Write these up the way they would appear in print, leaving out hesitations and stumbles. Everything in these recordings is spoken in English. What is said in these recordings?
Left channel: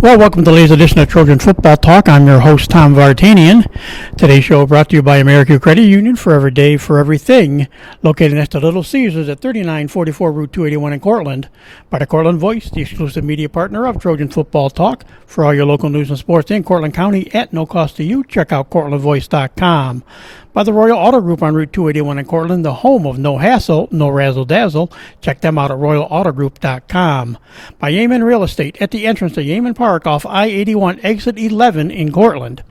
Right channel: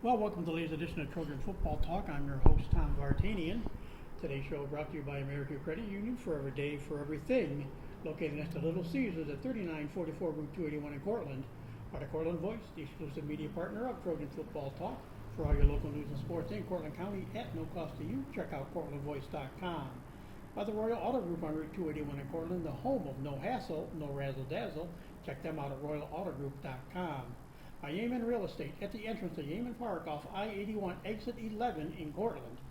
Well, welcome to the latest edition of Trojan Football Talk. I'm your host, Tom Vartanian. Today's show brought to you by American Credit Union, for every day, for everything. Located next to Little Caesars at 3944 Route 281 in Cortland. By the Cortland Voice, the exclusive media partner of Trojan Football Talk. For all your local news and sports in Cortland County at no cost to you, check out CortlandVoice.com. By the Royal Auto Group on Route 281 in Cortland, the home of no hassle, no razzle-dazzle. Check them out at RoyalAutoGroup.com. By Yeaman Real Estate at the entrance to Yeaman Park off I-81 exit 11 in Cortland.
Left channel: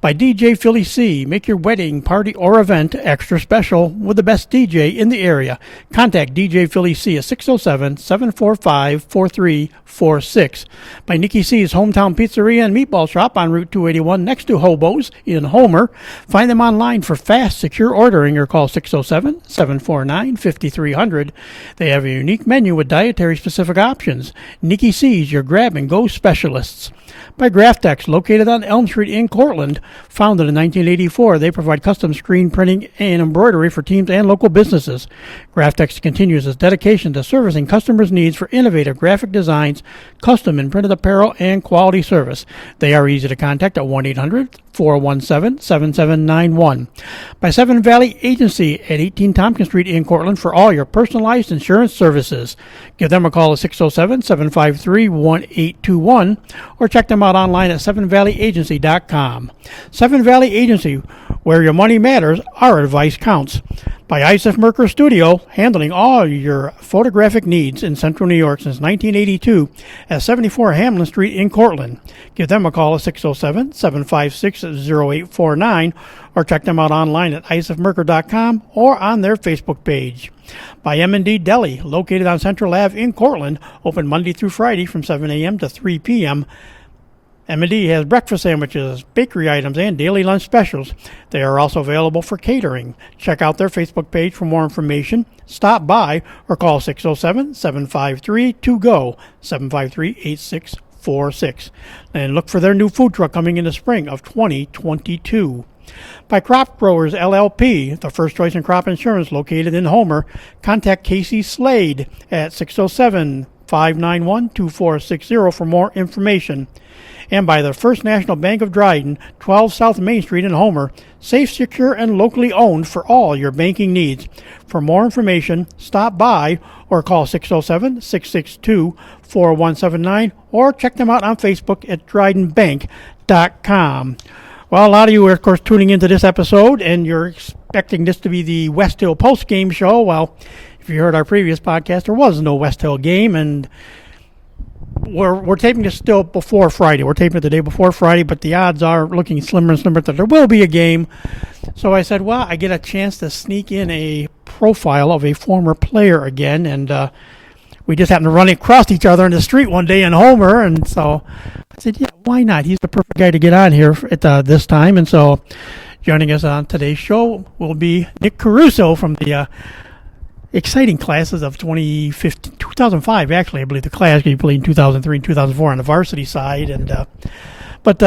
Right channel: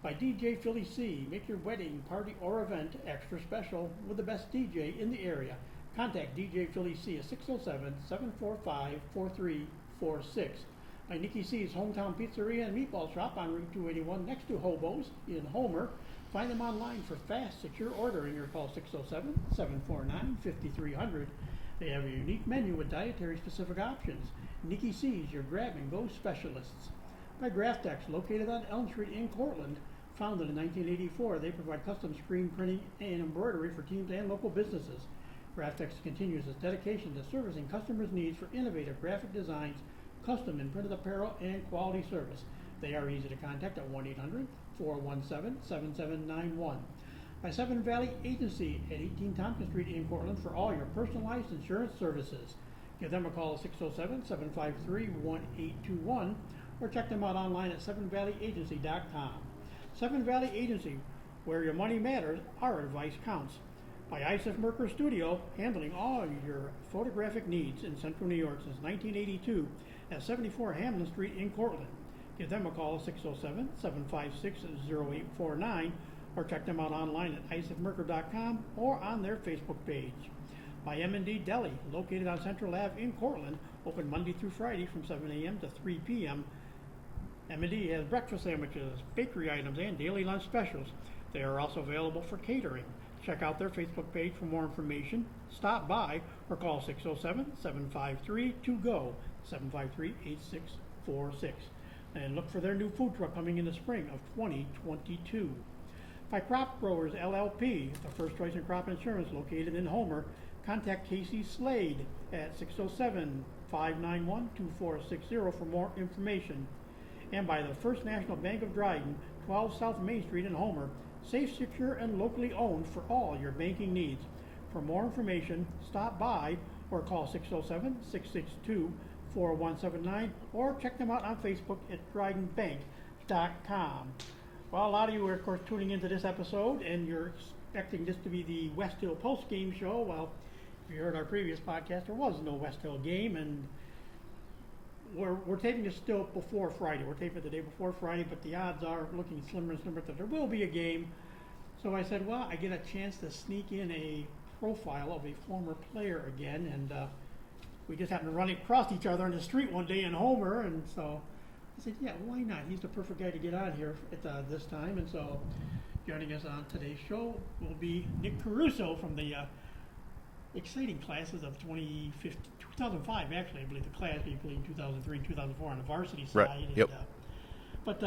By DJ Philly C. Make your wedding, party, or event extra special with the best DJ in the area. Contact DJ Philly C at 607-745-4346. By Nikki C's Hometown Pizzeria and Meatball Shop on Route 281 next to Hobo's in Homer. Find them online for fast, secure ordering or call 607-749-5300. They have a unique menu with dietary-specific options. Nikki C's, your grab-and-go specialists. By Graftex, located on Elm Street in Cortland. Founded in 1984, they provide custom screen printing and embroidery for teams and local businesses. Graftex continues its dedication to servicing customers' needs for innovative graphic designs, custom and printed apparel, and quality service. They are easy to contact at 1-800-417-7791. By Seven Valley Agency at 18 Tompkins Street in Cortland for all your personalized insurance services. Give them a call at 607-753-1821 or check them out online at sevenvalleyagency.com. Seven Valley Agency, where your money matters, our advice counts. By Isaac Merker Studio, handling all your photographic needs in Central New York since 1982 at 74 Hamlin Street in Cortland. Give them a call at 607-756-0849 or check them out online at isaacmerker.com or on their Facebook page. By M&D Deli, located on Central Ave in Cortland, open Monday through Friday from 7 a.m. to 3 p.m. M&D has breakfast sandwiches, bakery items, and daily lunch specials. They are also available for catering. Check out their Facebook page for more information. Stop by or call 607-753-2GO, 753-8646. And look for their new food truck coming in the spring of 2022. By Crop Growers LLP, the first choice in crop insurance located in Homer. Contact Casey Slade at 607-591-2460 for more information. And by the First National Bank of Dryden, 12 South Main Street in Homer. Safe, secure, and locally owned for all your banking needs. For more information, stop by or call 607-662-4179 or check them out on Facebook at drydenbank.com. Well, a lot of you are, of course, tuning into this episode, and you're expecting this to be the West Hill post-game show. Well, if you heard our previous podcast, there was no West Hill game, and we're taping this still before Friday. We're taping it the day before Friday, but the odds are looking slimmer and slimmer that there will be a game. So I said, well, I get a chance to sneak in a profile of a former player again, and we just happened to run across each other in the street one day in Homer, and so I said, yeah, why not? He's the perfect guy to get on here at this time. And so joining us on today's show will be Nick Caruso from the exciting classes of 2005, actually. I believe the class you played in 2003 and 2004 on the varsity side. And Yep. But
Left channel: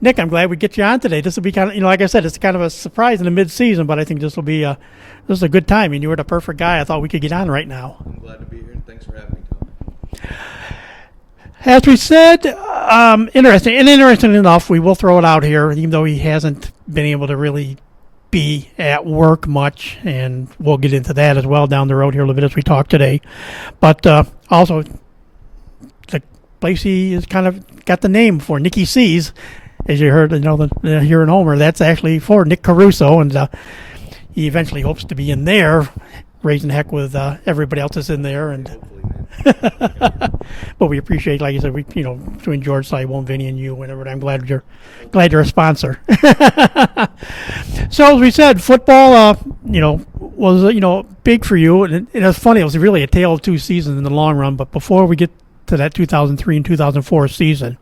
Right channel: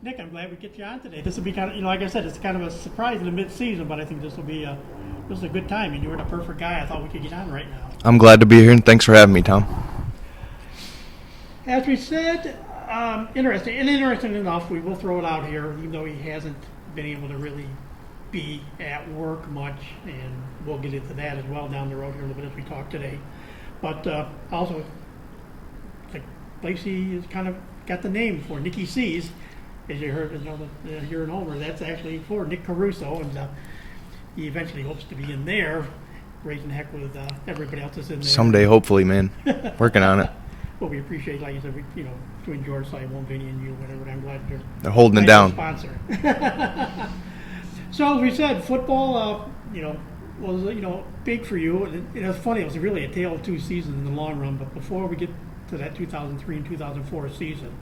Nick, I'm glad we get you on today. This will be kind of, like I said, it's kind of a surprise in the mid-season, but I think this will be this is a good time. And you were the perfect guy I thought we could get on right now. I'm glad to be here, and thanks for having me, Tom. As we said, interesting enough, we will throw it out here, even though he hasn't been able to really be at work much, and we'll get into that as well down the road here a little bit as we talk today. But also, the place he is kind of got the name for, Nicky C's, as you heard, here in Homer, that's actually for Nick Caruso, and he eventually hopes to be in there, raising heck with everybody else that's in there. Someday, hopefully, man. Working on it. But we appreciate, like you said, between George, Simon, Vinny, and you, whatever. I'm glad you're holding it down. You're a sponsor. So as we said, football, was big for you, and it was funny. It was really a tale of two seasons in the long run. But before we get to that 2003 and 2004 season,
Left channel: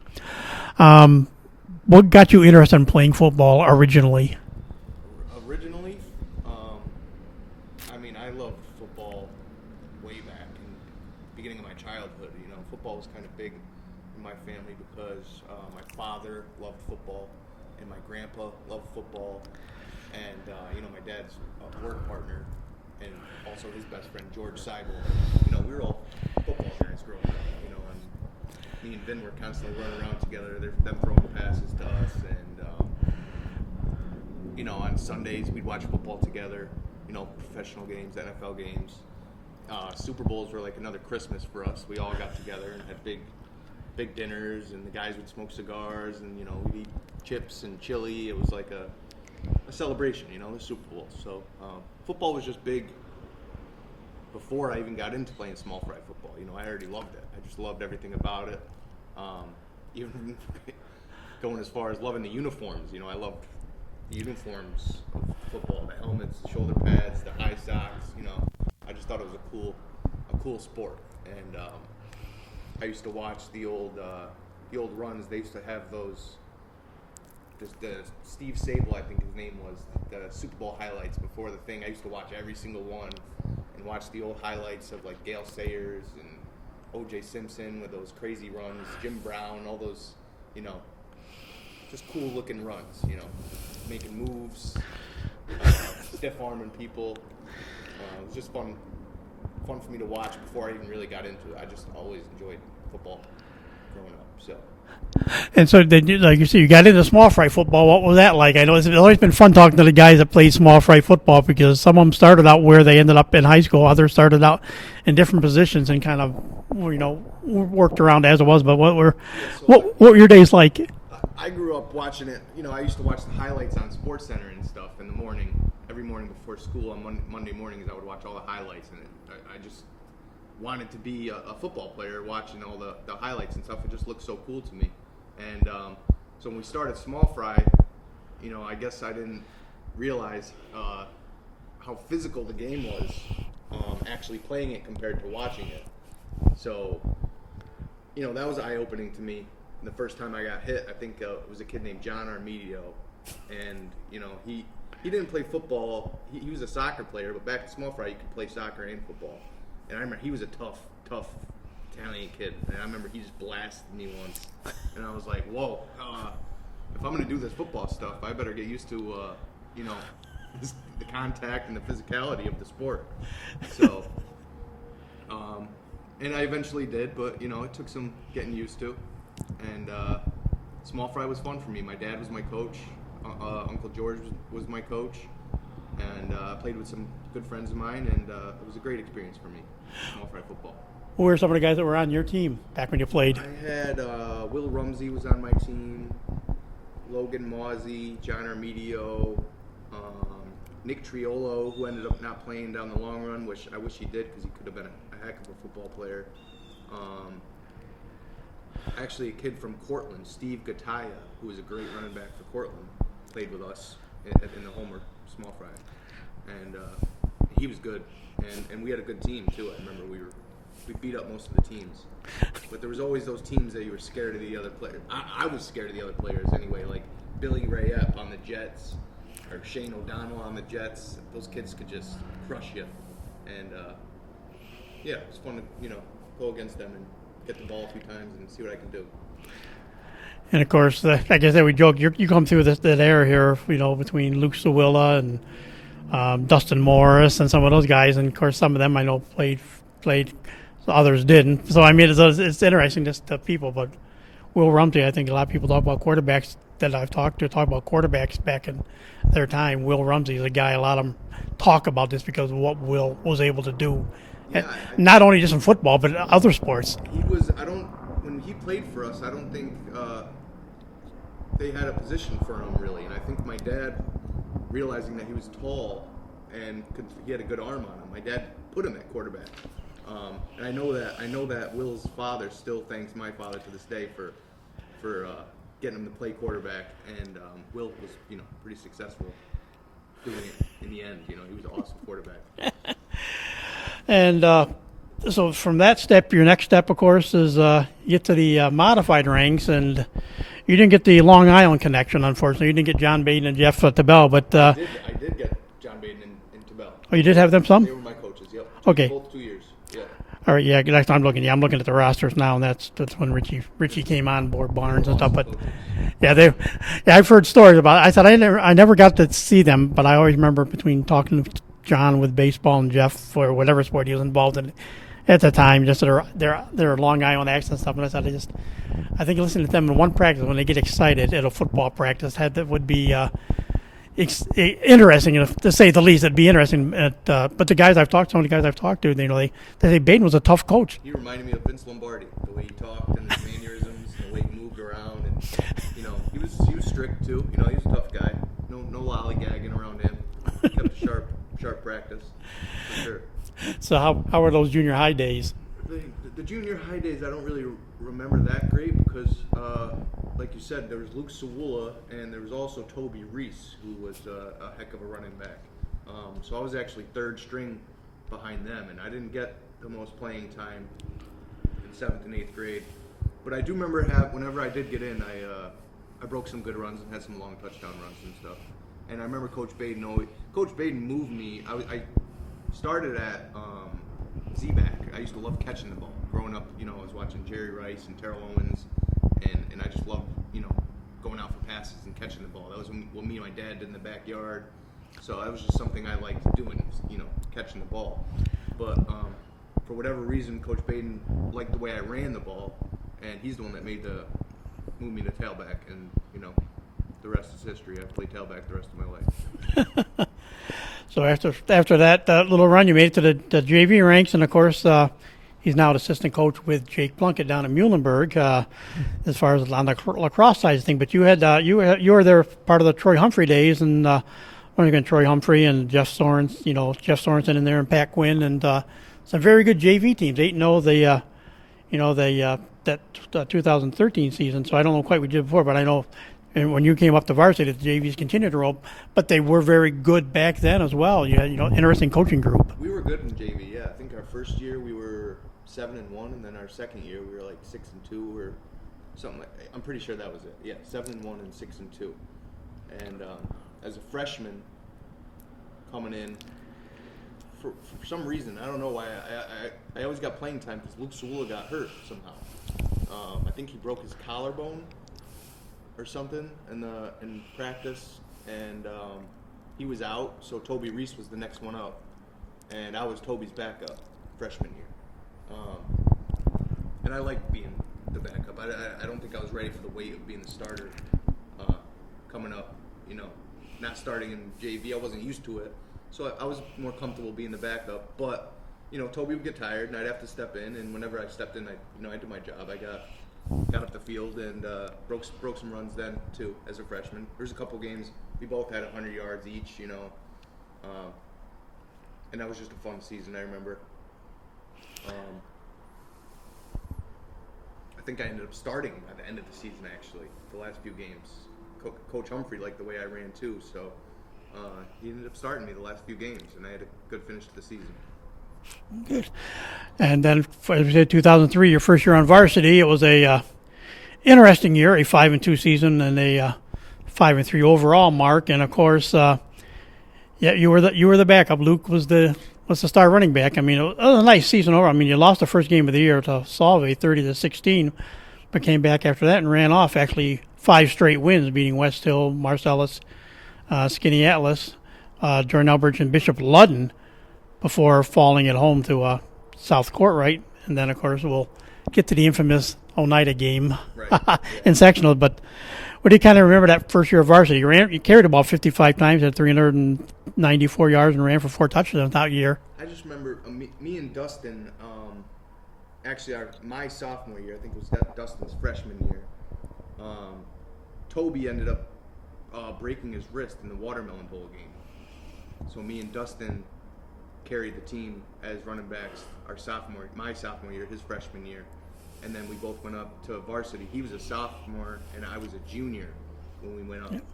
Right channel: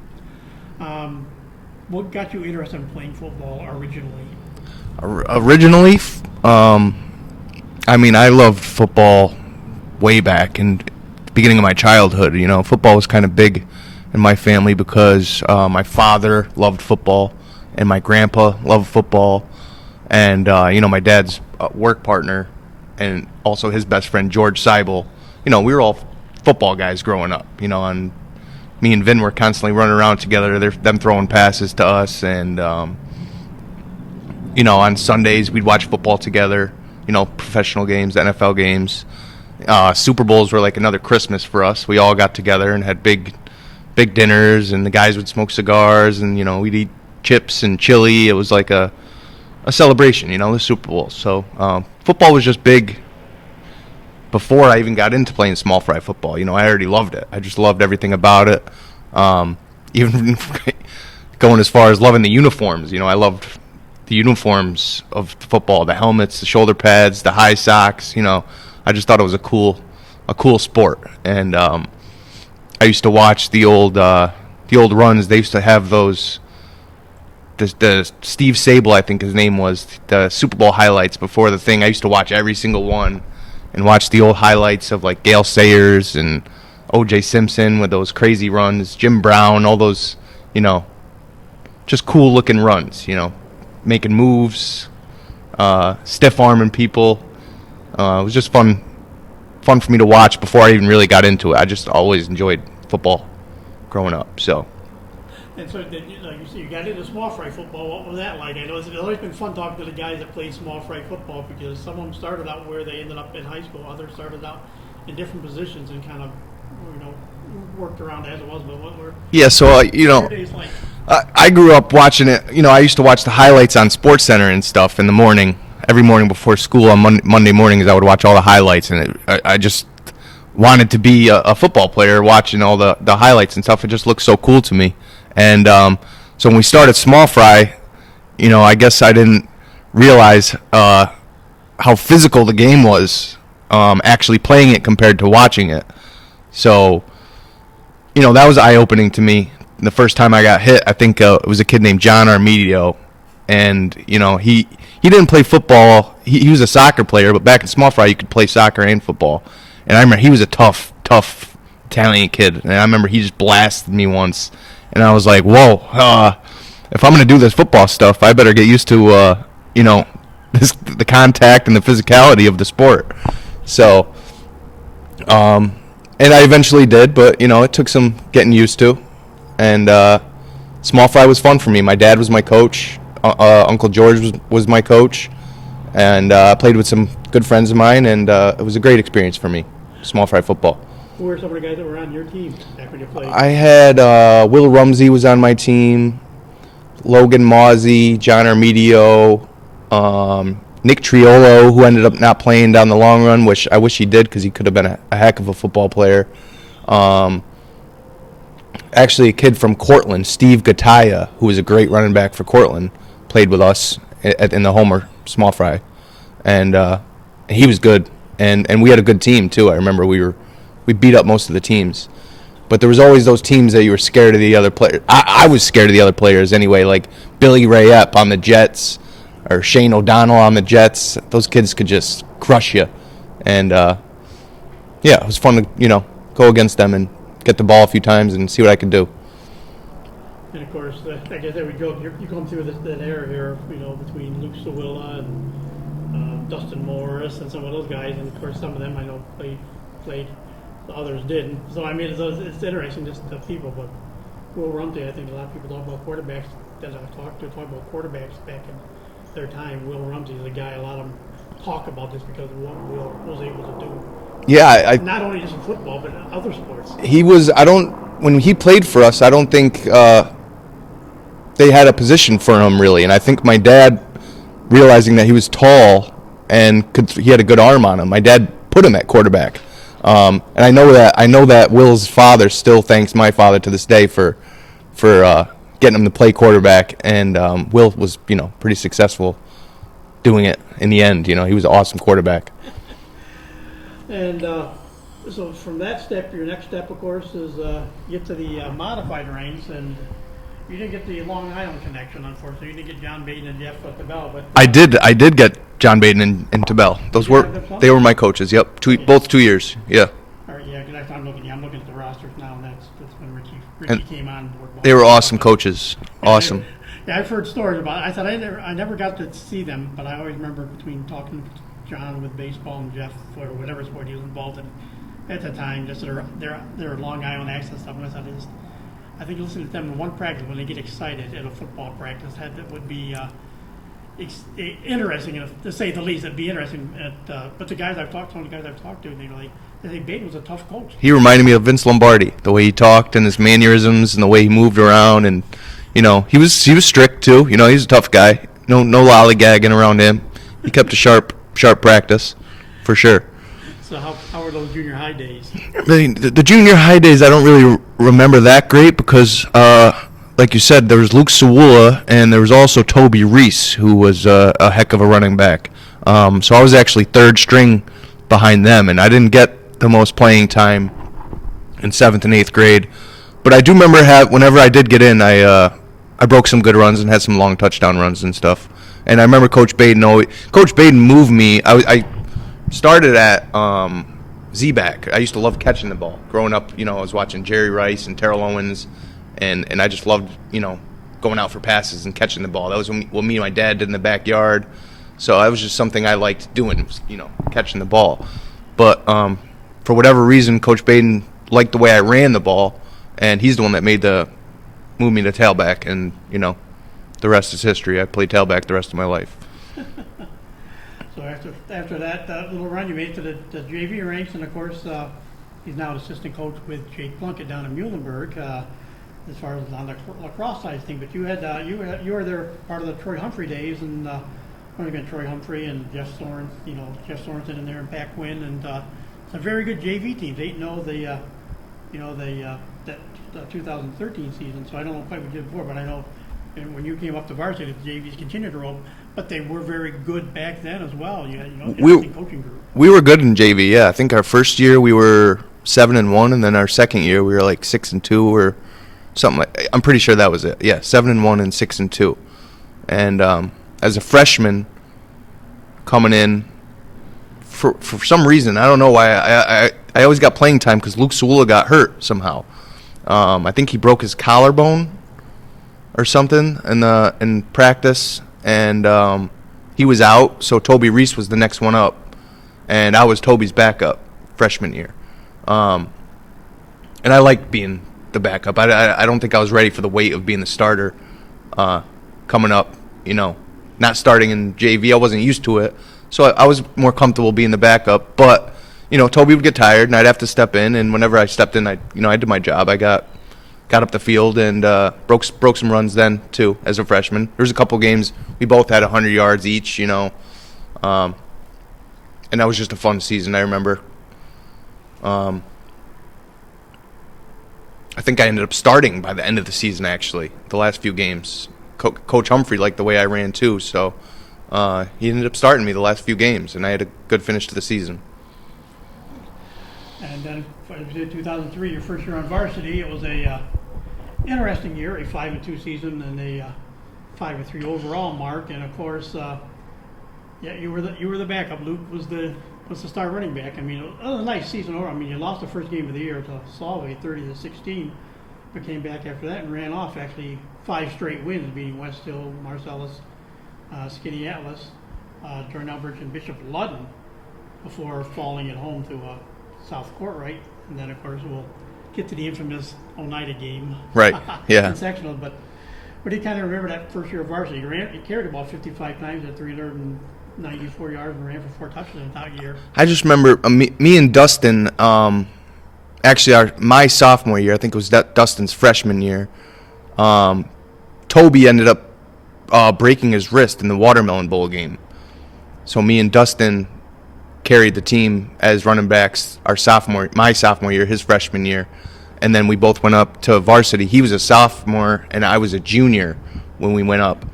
what got you interested in playing football originally? Originally, I loved football way back in the beginning of my childhood. Football was kind of big in my family because my father loved football and my grandpa loved football. And, my dad's work partner and also his best friend, George Seibel, we were all football guys growing up, and me and Vin were constantly running around together. Them throwing passes to us, and on Sundays we'd watch football together. Professional games, NFL games. Super Bowls were like another Christmas for us. We all got together and had big dinners, and the guys would smoke cigars, and we'd eat chips and chili. It was like a celebration, the Super Bowl. So football was just big before I even got into playing small fry football. I already loved it. I just loved everything about it. Even going as far as loving the uniforms. I loved the uniforms of football, the helmets, the shoulder pads, the high socks. I just thought it was a cool sport. And I used to watch the old runs. They used to have those. The Steve Sable, I think his name was, the Super Bowl highlights before the thing. I used to watch every single one and watch the old highlights of like Gale Sayers and O.J. Simpson with those crazy runs, Jim Brown, all those, just cool looking runs, making moves, stiff arming people. It was just fun for me to watch before I even really got into it. I just always enjoyed football growing up, so. And so, like you said, you got into small fry football. What was that like? I know it's always been fun talking to the guys that played small fry football, because some of them started out where they ended up in high school. Others started out in different positions and kind of, worked around as it was. But what were your days like? I grew up watching it. I used to watch the highlights on SportsCenter and stuff in the morning. Every morning before school on Monday mornings, I would watch all the highlights, and I just wanted to be a football player watching all the highlights and stuff. It just looked so cool to me. And so when we started small fry, I guess I didn't realize how physical the game was, actually playing it compared to watching it. So, that was eye-opening to me. The first time I got hit, I think it was a kid named John Armedio, and he didn't play football. He was a soccer player, but back in small fry you could play soccer and football. And I remember he was a tough Italian kid, and I remember he just blasted me once. And I was like, whoa, if I'm going to do this football stuff, I better get used to, the contact and the physicality of the sport. So, and I eventually did, but, it took some getting used to. And small fry was fun for me. My dad was my coach. Uncle George was my coach. And I played with some good friends of mine, and it was a great experience for me, small fry football. Who were some of the guys that were on your team back when you played? I had Will Rumsey was on my team, Logan Mawsey, John Armedio, Nick Triolo, who ended up not playing down the long run, which I wish he did because he could have been a heck of a football player. Actually, a kid from Cortland, Steve Gataya, who was a great running back for Cortland, played with us in the Homer small fry. And he was good. And we had a good team, too. I remember we beat up most of the teams. But there was always those teams that you were scared of the other players. I was scared of the other players anyway, like Billy Rayep on the Jets or Shane O'Donnell on the Jets. Those kids could just crush you. And, it was fun to, go against them and get the ball a few times and see what I could do. And, of course, like I said, we joke, you come through that era here, between Luke Sawilla and Dustin Morris and some of those guys. And, of course, some of them I know played. Others didn't. So, it's interesting just to people. But Will Rumsey, I think a lot of people talk about quarterbacks that I've talked to, talk about quarterbacks back in their time. Will Rumsey is a guy a lot of them talk about this because of what Will was able to do. Yeah. Not only just in football, but other sports. When he played for us, I don't think they had a position for him, really. And I think my dad, realizing that he was tall and he had a good arm on him, my dad put him at quarterback. And I know that Will's father still thanks my father to this day for getting him to play quarterback, and Will was pretty successful doing it in the end. He was an awesome quarterback. And so from that step, your next step, of course, is get to the modified ranks, and you didn't get the Long Island connection, unfortunately. You didn't get John Baden and Jeff Tabell, but I did get John Baden and Tabell. You did have them some? They were my coaches. Yep, both 2 years. Yeah. All right. Yeah. Next time I'm looking at the rosters now, and that's when Richie came on board. They were awesome coaches. Yeah, awesome. I've heard stories about it. I said I never got to see them, but I always remember between talking to John with baseball and Jeff for whatever sport he was involved in. at the time, just their Long Island accent and stuff. And I thought I think listening to them in one practice when they get excited at a football practice that would be interesting, to say the least. It'd be interesting. But some of the guys I've talked to, they say Baden was a tough coach. He reminded me of Vince Lombardi, the way he talked and his mannerisms and the way he moved around, and he was strict too. He was a tough guy. No lollygagging around him. He kept a sharp practice, for sure. So how were those junior high days? The junior high days I don't really remember that great because, like you said, there was Luke Sewula and there was also Toby Reese, who was a heck of a running back. So I was actually third string behind them, and I didn't get the most playing time in 7th and 8th grade. But I do remember whenever I did get in, I broke some good runs and had some long touchdown runs and stuff. And I remember Coach Baden moved me. I started at Z-back. I used to love catching the ball. Growing up, I was watching Jerry Rice and Terrell Owens, and I just loved, going out for passes and catching the ball. That was what me and my dad did in the backyard. So that was just something I liked doing, catching the ball. But for whatever reason, Coach Baden liked the way I ran the ball, and he's the one that moved me to tailback, and, the rest is history. I played tailback the rest of my life. So after that little run, you made it to the JV ranks, and of course, he's now an assistant coach with Jake Plunkett down in Muhlenberg, as far as on the lacrosse side of thing. But you were there part of the Troy Humphrey days, and Troy Humphrey and Jeff Sorensen in there, and Pat Quinn, and some very good JV teams. 8-0 that 2013 season. So I don't know quite what you did before, but I know. And when you came up to Varsity, the JVs continued to roll, but they were very good back then as well. You had, interesting coaching group. We were good in JV, yeah. I think our first year we were 7-1, and then our second year we were like 6-2 or something. I'm pretty sure that was it. Yeah, 7-1 and 6-2. And as a freshman coming in, for some reason, I don't know why, I always got playing time because Luke Sewula got hurt somehow. I think he broke his collarbone or something in practice, and he was out, so Toby Reese was the next one up, and I was Toby's backup freshman year. And I liked being the backup. I don't think I was ready for the weight of being the starter coming up, not starting in JV. I wasn't used to it, so I was more comfortable being the backup. But, Toby would get tired, and I'd have to step in, and whenever I stepped in, I did my job. I got up the field and broke some runs then too as a freshman. There was a couple games we both had 100 yards each, and that was just a fun season. I remember. I think I ended up starting by the end of the season. Actually, the last few games, Coach Humphrey liked the way I ran too, so he ended up starting me the last few games, and I had a good finish to the season. Good. And then, as we said, 2003, your first year on Varsity, it was a interesting year, a 5-2 season and a 5-3 overall mark. And of course, you were the backup. Luke was the star running back. I mean, it was a nice season over. I mean, you lost the first game of the year to Salve, 30-16, but came back after that and ran off actually 5 straight wins, beating West Hill, Marcellus, Skinny Atlas, Jordan Elbridge, and Bishop Ludden, before falling at home to South Courtright, and then of course we'll get to the infamous Oneida game, right? Yeah. in sectionals. But what do you kind of remember that first year of Varsity? You carried the ball 55 times, had 394 yards, and ran for 4 touchdowns that year. I just remember me and Dustin. Actually, my sophomore year, I think it was Dustin's freshman year. Toby ended up breaking his wrist in the Watermelon Bowl game, so me and Dustin carried the team as running backs my sophomore year, his freshman year, and then we both went up to Varsity. He was a sophomore and I was a junior when we went up,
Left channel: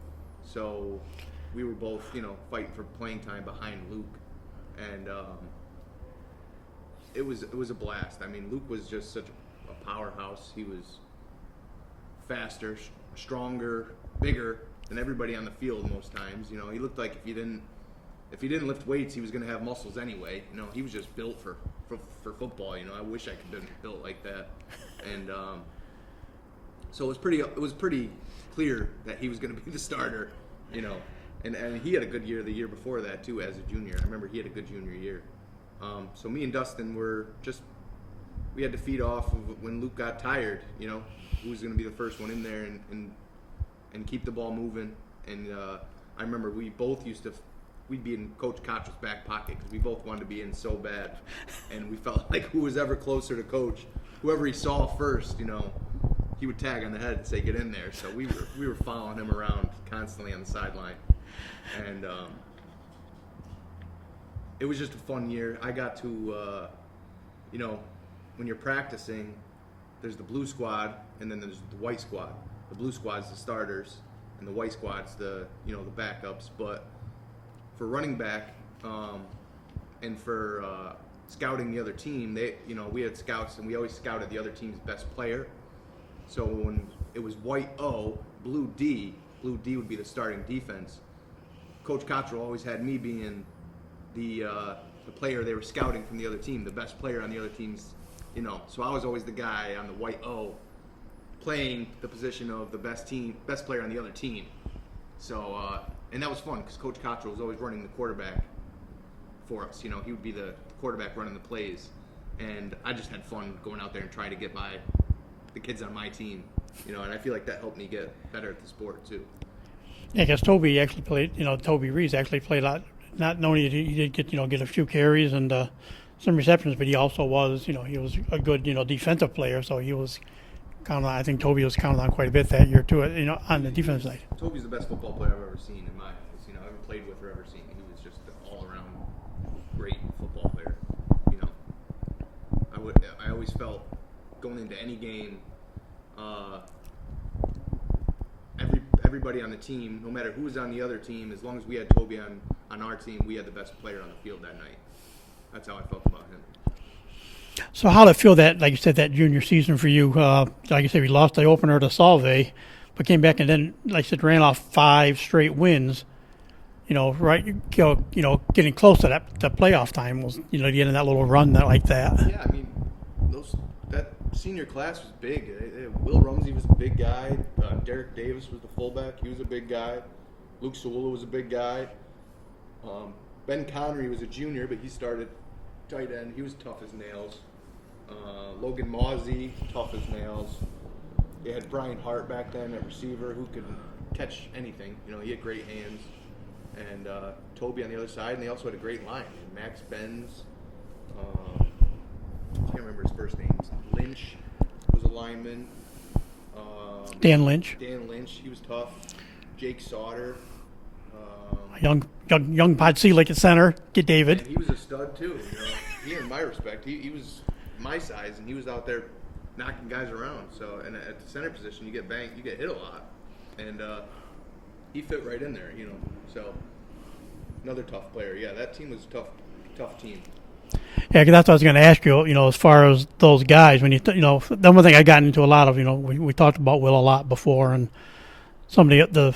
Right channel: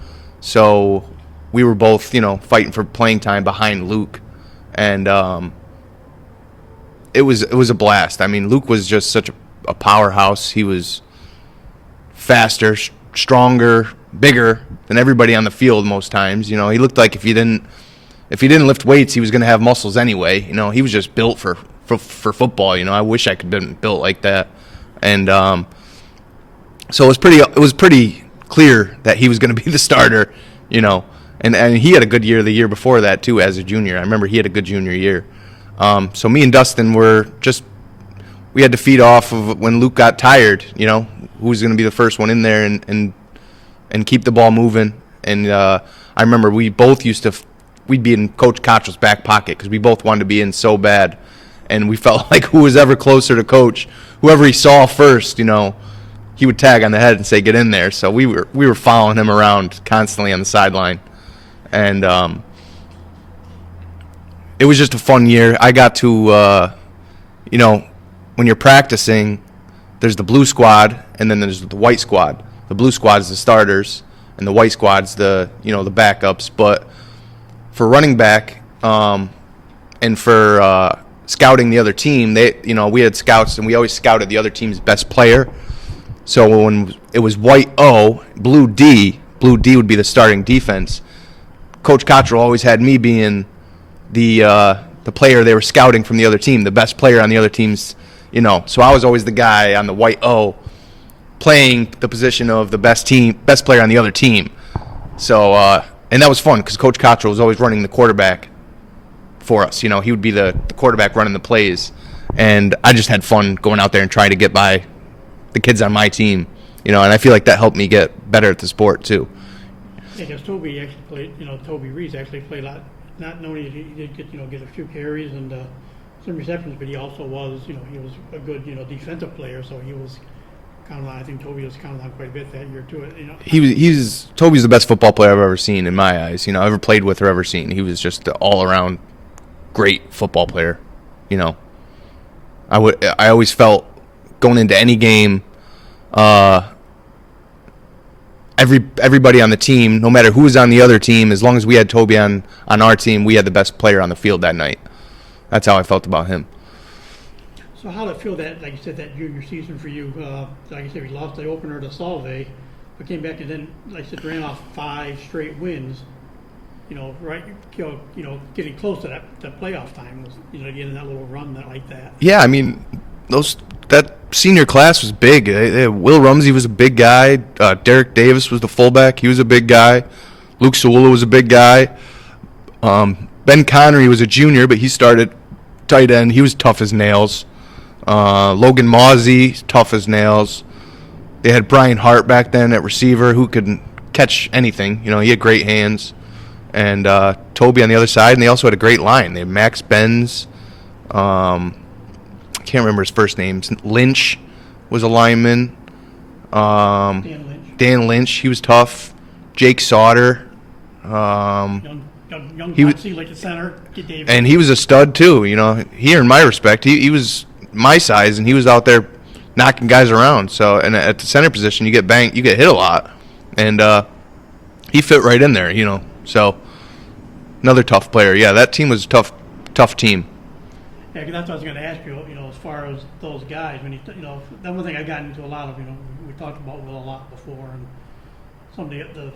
so we were both fighting for playing time behind Luke, and it was a blast. I mean, Luke was just such a powerhouse. He was faster, stronger, bigger than everybody on the field most times. He looked like if he didn't lift weights, he was going to have muscles anyway. He was just built for football. I wish I could have been built like that. And so it was pretty clear that he was going to be the starter. And he had a good year the year before that too as a junior. I remember he had a good junior year. So me and Dustin were just we had to feed off of when Luke got tired, who was going to be the first one in there and keep the ball moving. And I remember we both we'd be in Coach Cottrell's back pocket because we both wanted to be in so bad. And we felt like who was ever closer to Coach, whoever he saw first, he would tag on the head and say, get in there. So we were following him around constantly on the sideline. And it was just a fun year. I got to, when you're practicing, there's the blue squad and then there's the white squad. The blue squad is the starters and the white squad's the backups. But for running back and for scouting the other team, we had scouts and we always scouted the other team's best player. So when it was white O, blue D would be the starting defense. Coach Cottrell always had me being the player they were scouting from the other team, the best player on the other team's, So I was always the guy on the white O playing the position of the best player on the other team. So, and that was fun because Coach Cottrell was always running the quarterback for us. He would be the quarterback running the plays. And I just had fun going out there and trying to get by the kids on my team, and I feel like that helped me get better at the sport too. Yeah, because Toby actually played, Toby Reese actually played a lot. Not only did he did get a few carries and some receptions, but he also was, he was a good, defensive player. So he was kind of, I think Toby was counted on quite a bit that year too. Toby's the best football player I've ever seen in my eyes. Ever played with or ever seen. He was just an all around great football player. I always felt going into any game, everybody on the team, no matter who was on the other team, as long as we had Toby on our team, we had the best player on the field that night. That's how I felt about him. So how did it feel that, like you said, that junior season for you? Like you said, we lost the opener to Salve, but came back and then, like I said, ran off 5 straight wins. Getting close to that playoff time was, the end of that little run like that. Yeah, I mean, that senior class was big. Will Rumsey was a big guy. Derek Davis was the fullback. He was a big guy. Luke Sewula was a big guy. Ben Connery was a junior, but he started tight end. He was tough as nails. Logan Mawsey, tough as nails. They had Brian Hart back then at receiver who could catch anything. He had great hands. And Toby on the other side, and they also had a great line. They had Max Benz. I can't remember his first name. Lynch was a lineman. Dan Lynch, he was tough. Jake Sauter. Young Potsy, like at center. Get David. And he was a stud too. He earned my respect. He was my size, and he was out there knocking guys around. So, and at the center position, you get banged, you get hit a lot, and he fit right in there. So another tough player. Yeah, that team was a tough team. Yeah, 'cause that's what I was going to ask you. As far as those guys, when the one thing I got into a lot of, we talked about Will a lot before, and some of the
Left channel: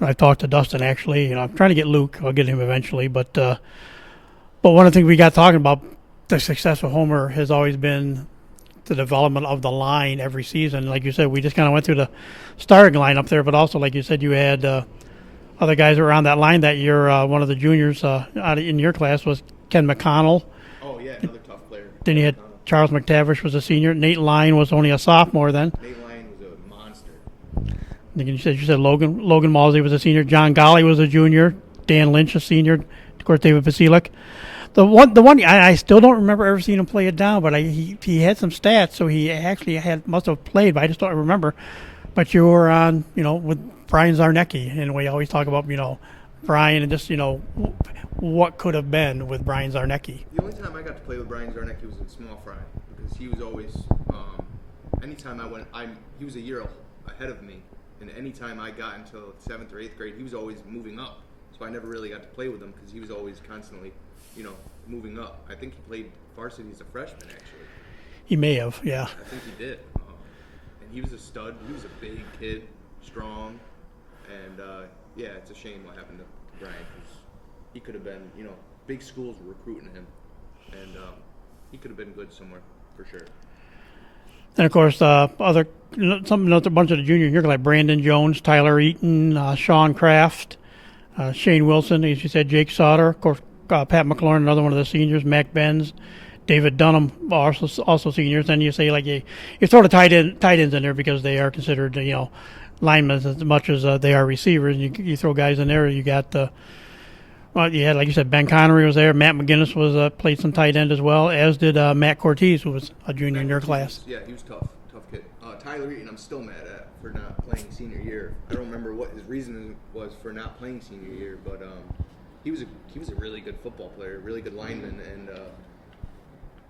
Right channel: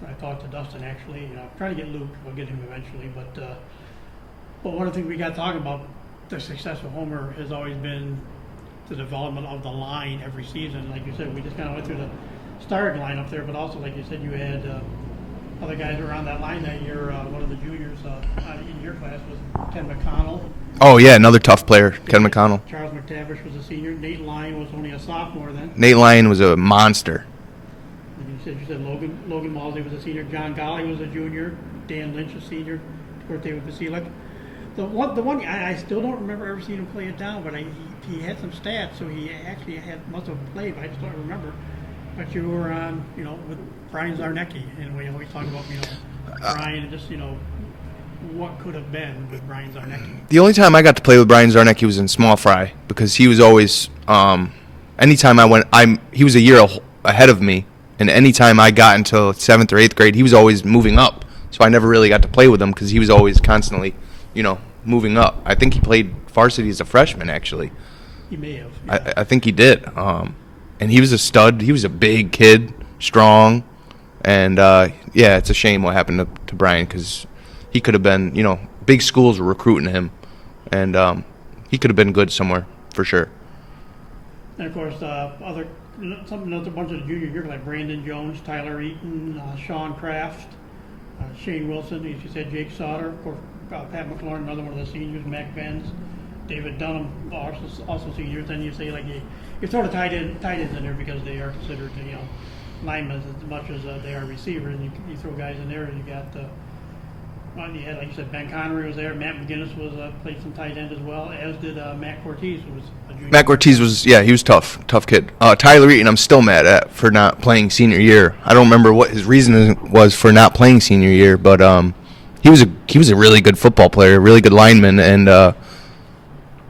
I talked to Dustin actually. I'm trying to get Luke. I'll get him eventually, but one of the things we got talking about, the success of Homer has always been the development of the line every season. Like you said, we just kind of went through the starting line up there, but also like you said, you had other guys around that line that year. One of the juniors in your class was Ken McConnell. Oh, yeah, another tough player, Ken McConnell. Charles McTavish was a senior. Nate Lyon was only a sophomore then. Nate Lyon was a monster. You said Logan Malsey was a senior. John Golly was a junior. Dan Lynch a senior. Of course, David Vasilek. The one I still don't remember ever seeing him play it down, but he had some stats, so he actually must have played, but I just don't remember. But you were on, with Brian Zarnecki, and we always talk about, Brian and just, what could have been with Brian Zarnecki. The only time I got to play with Brian Zarnecki was in small fry because he was always, anytime I went, he was a year ahead of me, and anytime I got into 7th or 8th grade, he was always moving up. So I never really got to play with him because he was always constantly, moving up. I think he played varsity as a freshman, actually. He may have, yeah. I think he did. And he was a stud. He was a big kid, strong, and, it's a shame what happened to Brian because he could have been, big schools were recruiting him, and he could have been good somewhere for sure. And of course, a bunch of the juniors here like Brandon Jones, Tyler Eaton, Sean Kraft, Shane Wilson, as you said, Jake Sauter, of course, Pat McLaurin, another one of the seniors, Mac Benz, David Dunham, also seniors. Then you say like you throw the tight ends in there because they are considered linemen as much as they are receivers. You throw guys in there. You got you had, like you said, Ben Connery was there. Matt McGinnis was played some tight end as well, as did Matt Cortez, who was a junior. Matt Cortez he was tough kid. Tyler Eaton, I'm still mad at for not playing senior year. I don't remember what his reason was for not playing senior year, but he was a really good football player, really good lineman, and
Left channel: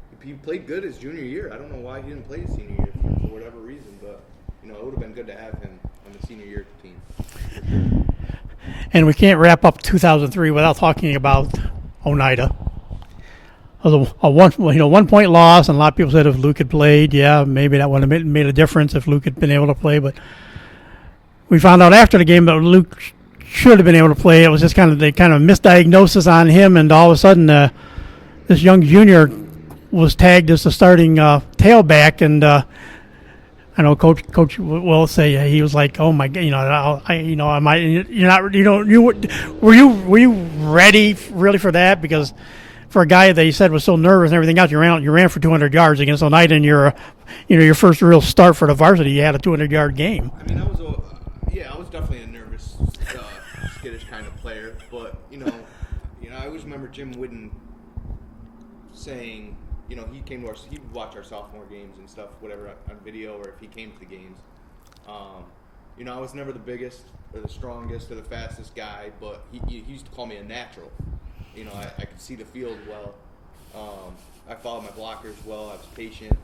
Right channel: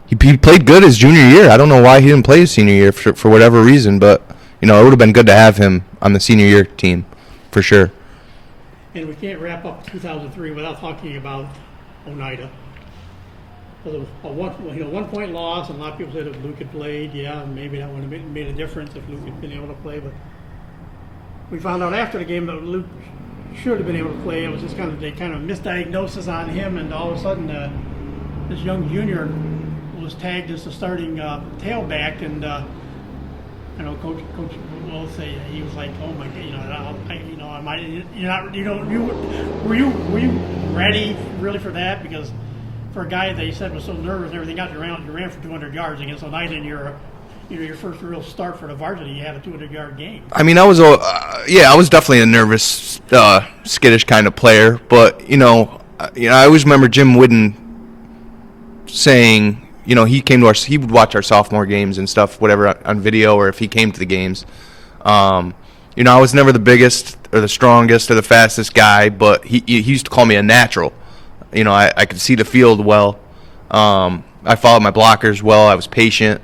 he played good his junior year. I don't know why he didn't play his senior year for whatever reason, but it would have been good to have him on the senior year team for sure. And we can't wrap up 2003 without talking about Oneida. It was a 1 point loss, and a lot of people said if Luke had played, maybe that would have made a difference if Luke had been able to play. But we found out after the game that Luke should have been able to play. It was just kind of misdiagnosis on him, and all of a sudden this young junior was tagged as the starting tailback, and I know Coach will say he was like, "Oh my God, were you ready really for that?" Because for a guy that he said was so nervous and everything else, you ran for 200 yards against Oneida, and your first real start for the varsity, you had a 200-yard game. I mean, I was definitely a nervous, skittish kind of player, but I always remember Jim Whidden saying, he would watch our sophomore games and stuff, whatever, on video, or if he came to the games. I was never the biggest or the strongest or the fastest guy, but he used to call me a natural. I could see the field well. I followed my blockers well. I was patient,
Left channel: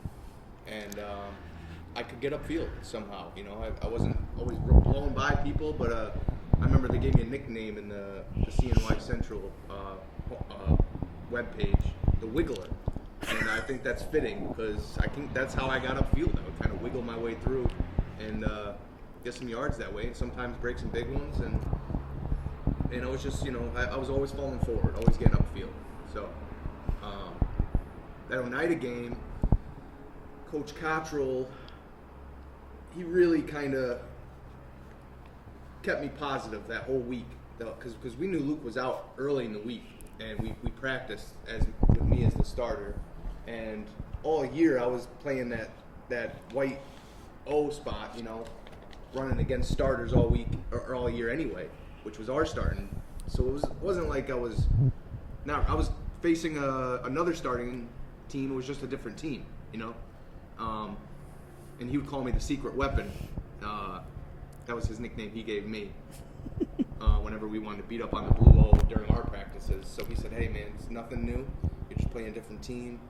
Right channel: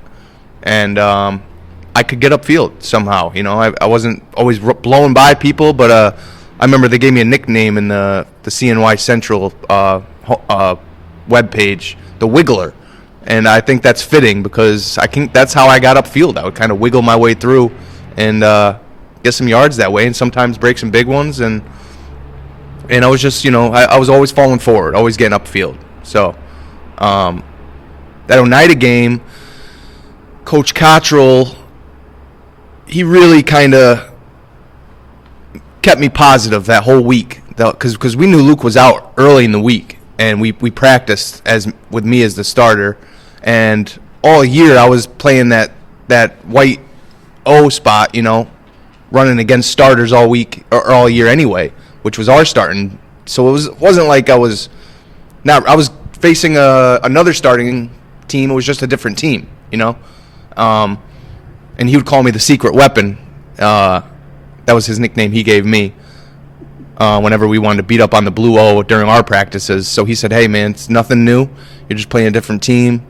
and I could get upfield somehow. I wasn't always blowing by people, but I remember they gave me a nickname in the CNY Central webpage, the Wiggler. And I think that's fitting because that's how I got upfield. I would kind of wiggle my way through and get some yards that way, and sometimes break some big ones. And I was just, I was always falling forward, always getting upfield. So that Oneida game, Coach Cottrell, he really kind of kept me positive that whole week because we knew Luke was out early in the week, and we practiced with me as the starter. And all year I was playing that white O spot, running against starters all week or all year anyway, which was our starting. So it wasn't like I was facing another starting team. It was just a different team, And he would call me the secret weapon. That was his nickname he gave me. Whenever we wanted to beat up on the Blue O during our practices. So he said, "Hey man, it's nothing new. You're just playing a different team."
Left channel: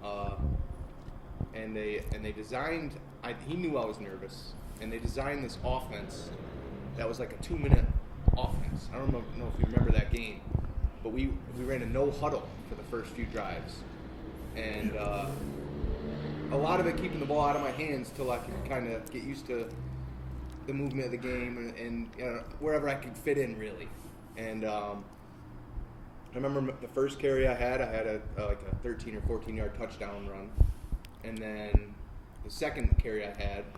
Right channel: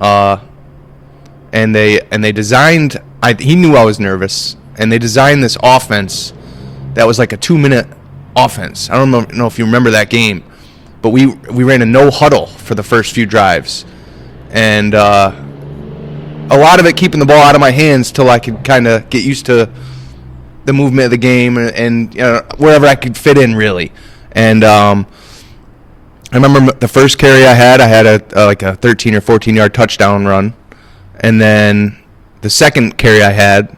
And they designed. He knew I was nervous, and they designed this offense that was like a 2-minute offense. I don't know if you remember that game, but we ran a no huddle for the first few drives, and a lot of it keeping the ball out of my hands till I could kind of get used to the movement of the game and wherever I could fit in really. And I remember the first carry I had a 13 or 14 yard touchdown run, and then the second carry I had,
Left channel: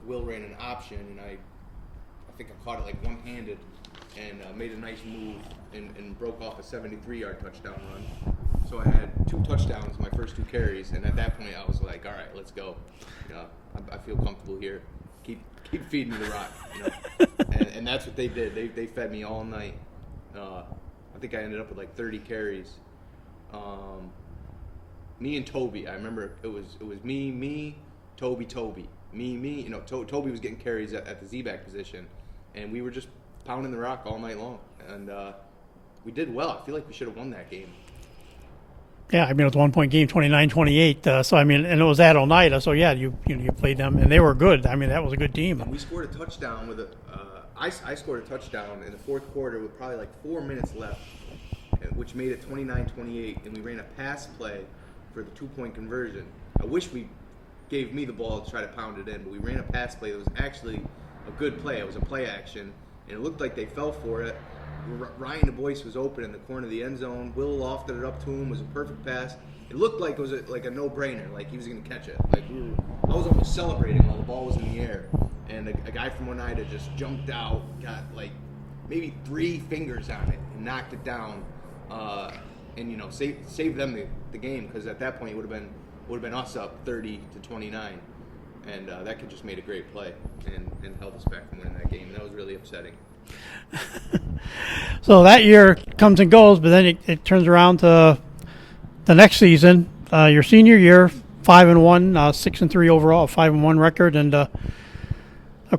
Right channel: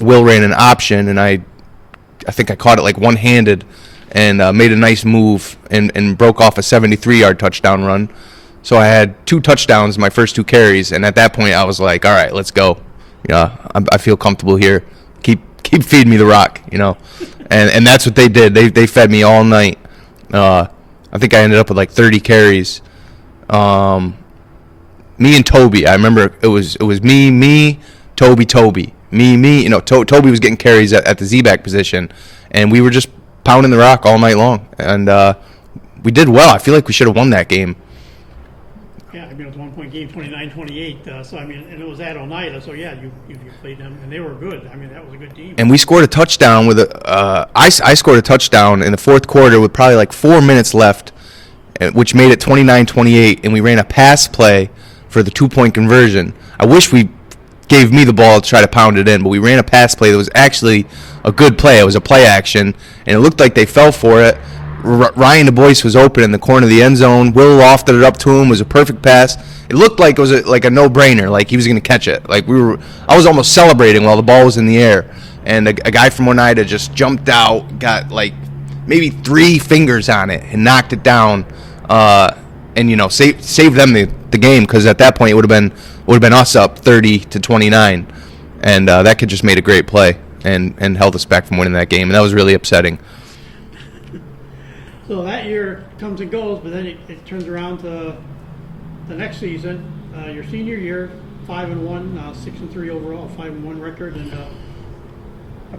Will ran an option, and I think I caught it like one-handed and made a nice move and broke off a 73-yard touchdown run. So I had 2 touchdowns in my first 2 carries, and at that point I was like, all right, let's go. I feel comfortable here. Keep feeding me the rock, and that's what they did. They fed me all night. I think I ended up with like 30 carries. Me and Toby. I remember it was me, Toby. Toby was getting carries at the Z-back position, and we were just pounding the rock all night long. And we did well. I feel like we should have won that game. Yeah, it was a 1-point game, 29-28. So, and it was at Oneida. So, you played them, and they were good. That was a good team. And we scored a touchdown with I scored a touchdown in the fourth quarter with probably like 4 minutes left, which made it 29-28, and we ran a pass play for the 2-point conversion. I wish we gave me the ball to try to pound it in, but we ran a pass play that was actually a good play. It was a play action, and it looked like they fell for it. Ryan DuBois was open in the corner of the end zone. Will lofted it up to him. It was a perfect pass. It looked like it was like a no-brainer, like he was going to catch it. I was almost celebrating while the ball was in the air, and a guy from Oneida just jumped out, got like maybe 3 fingers on it, and knocked it down, and saved them the the game, because at that point it would have been us up 30-29, and that kid just made a great play and held us back from winning that game, and that was really upsetting. So that year comes and goes, but then it turns around to the next season, your senior year, 5-1, 6-3 overall, 5-1 record, and of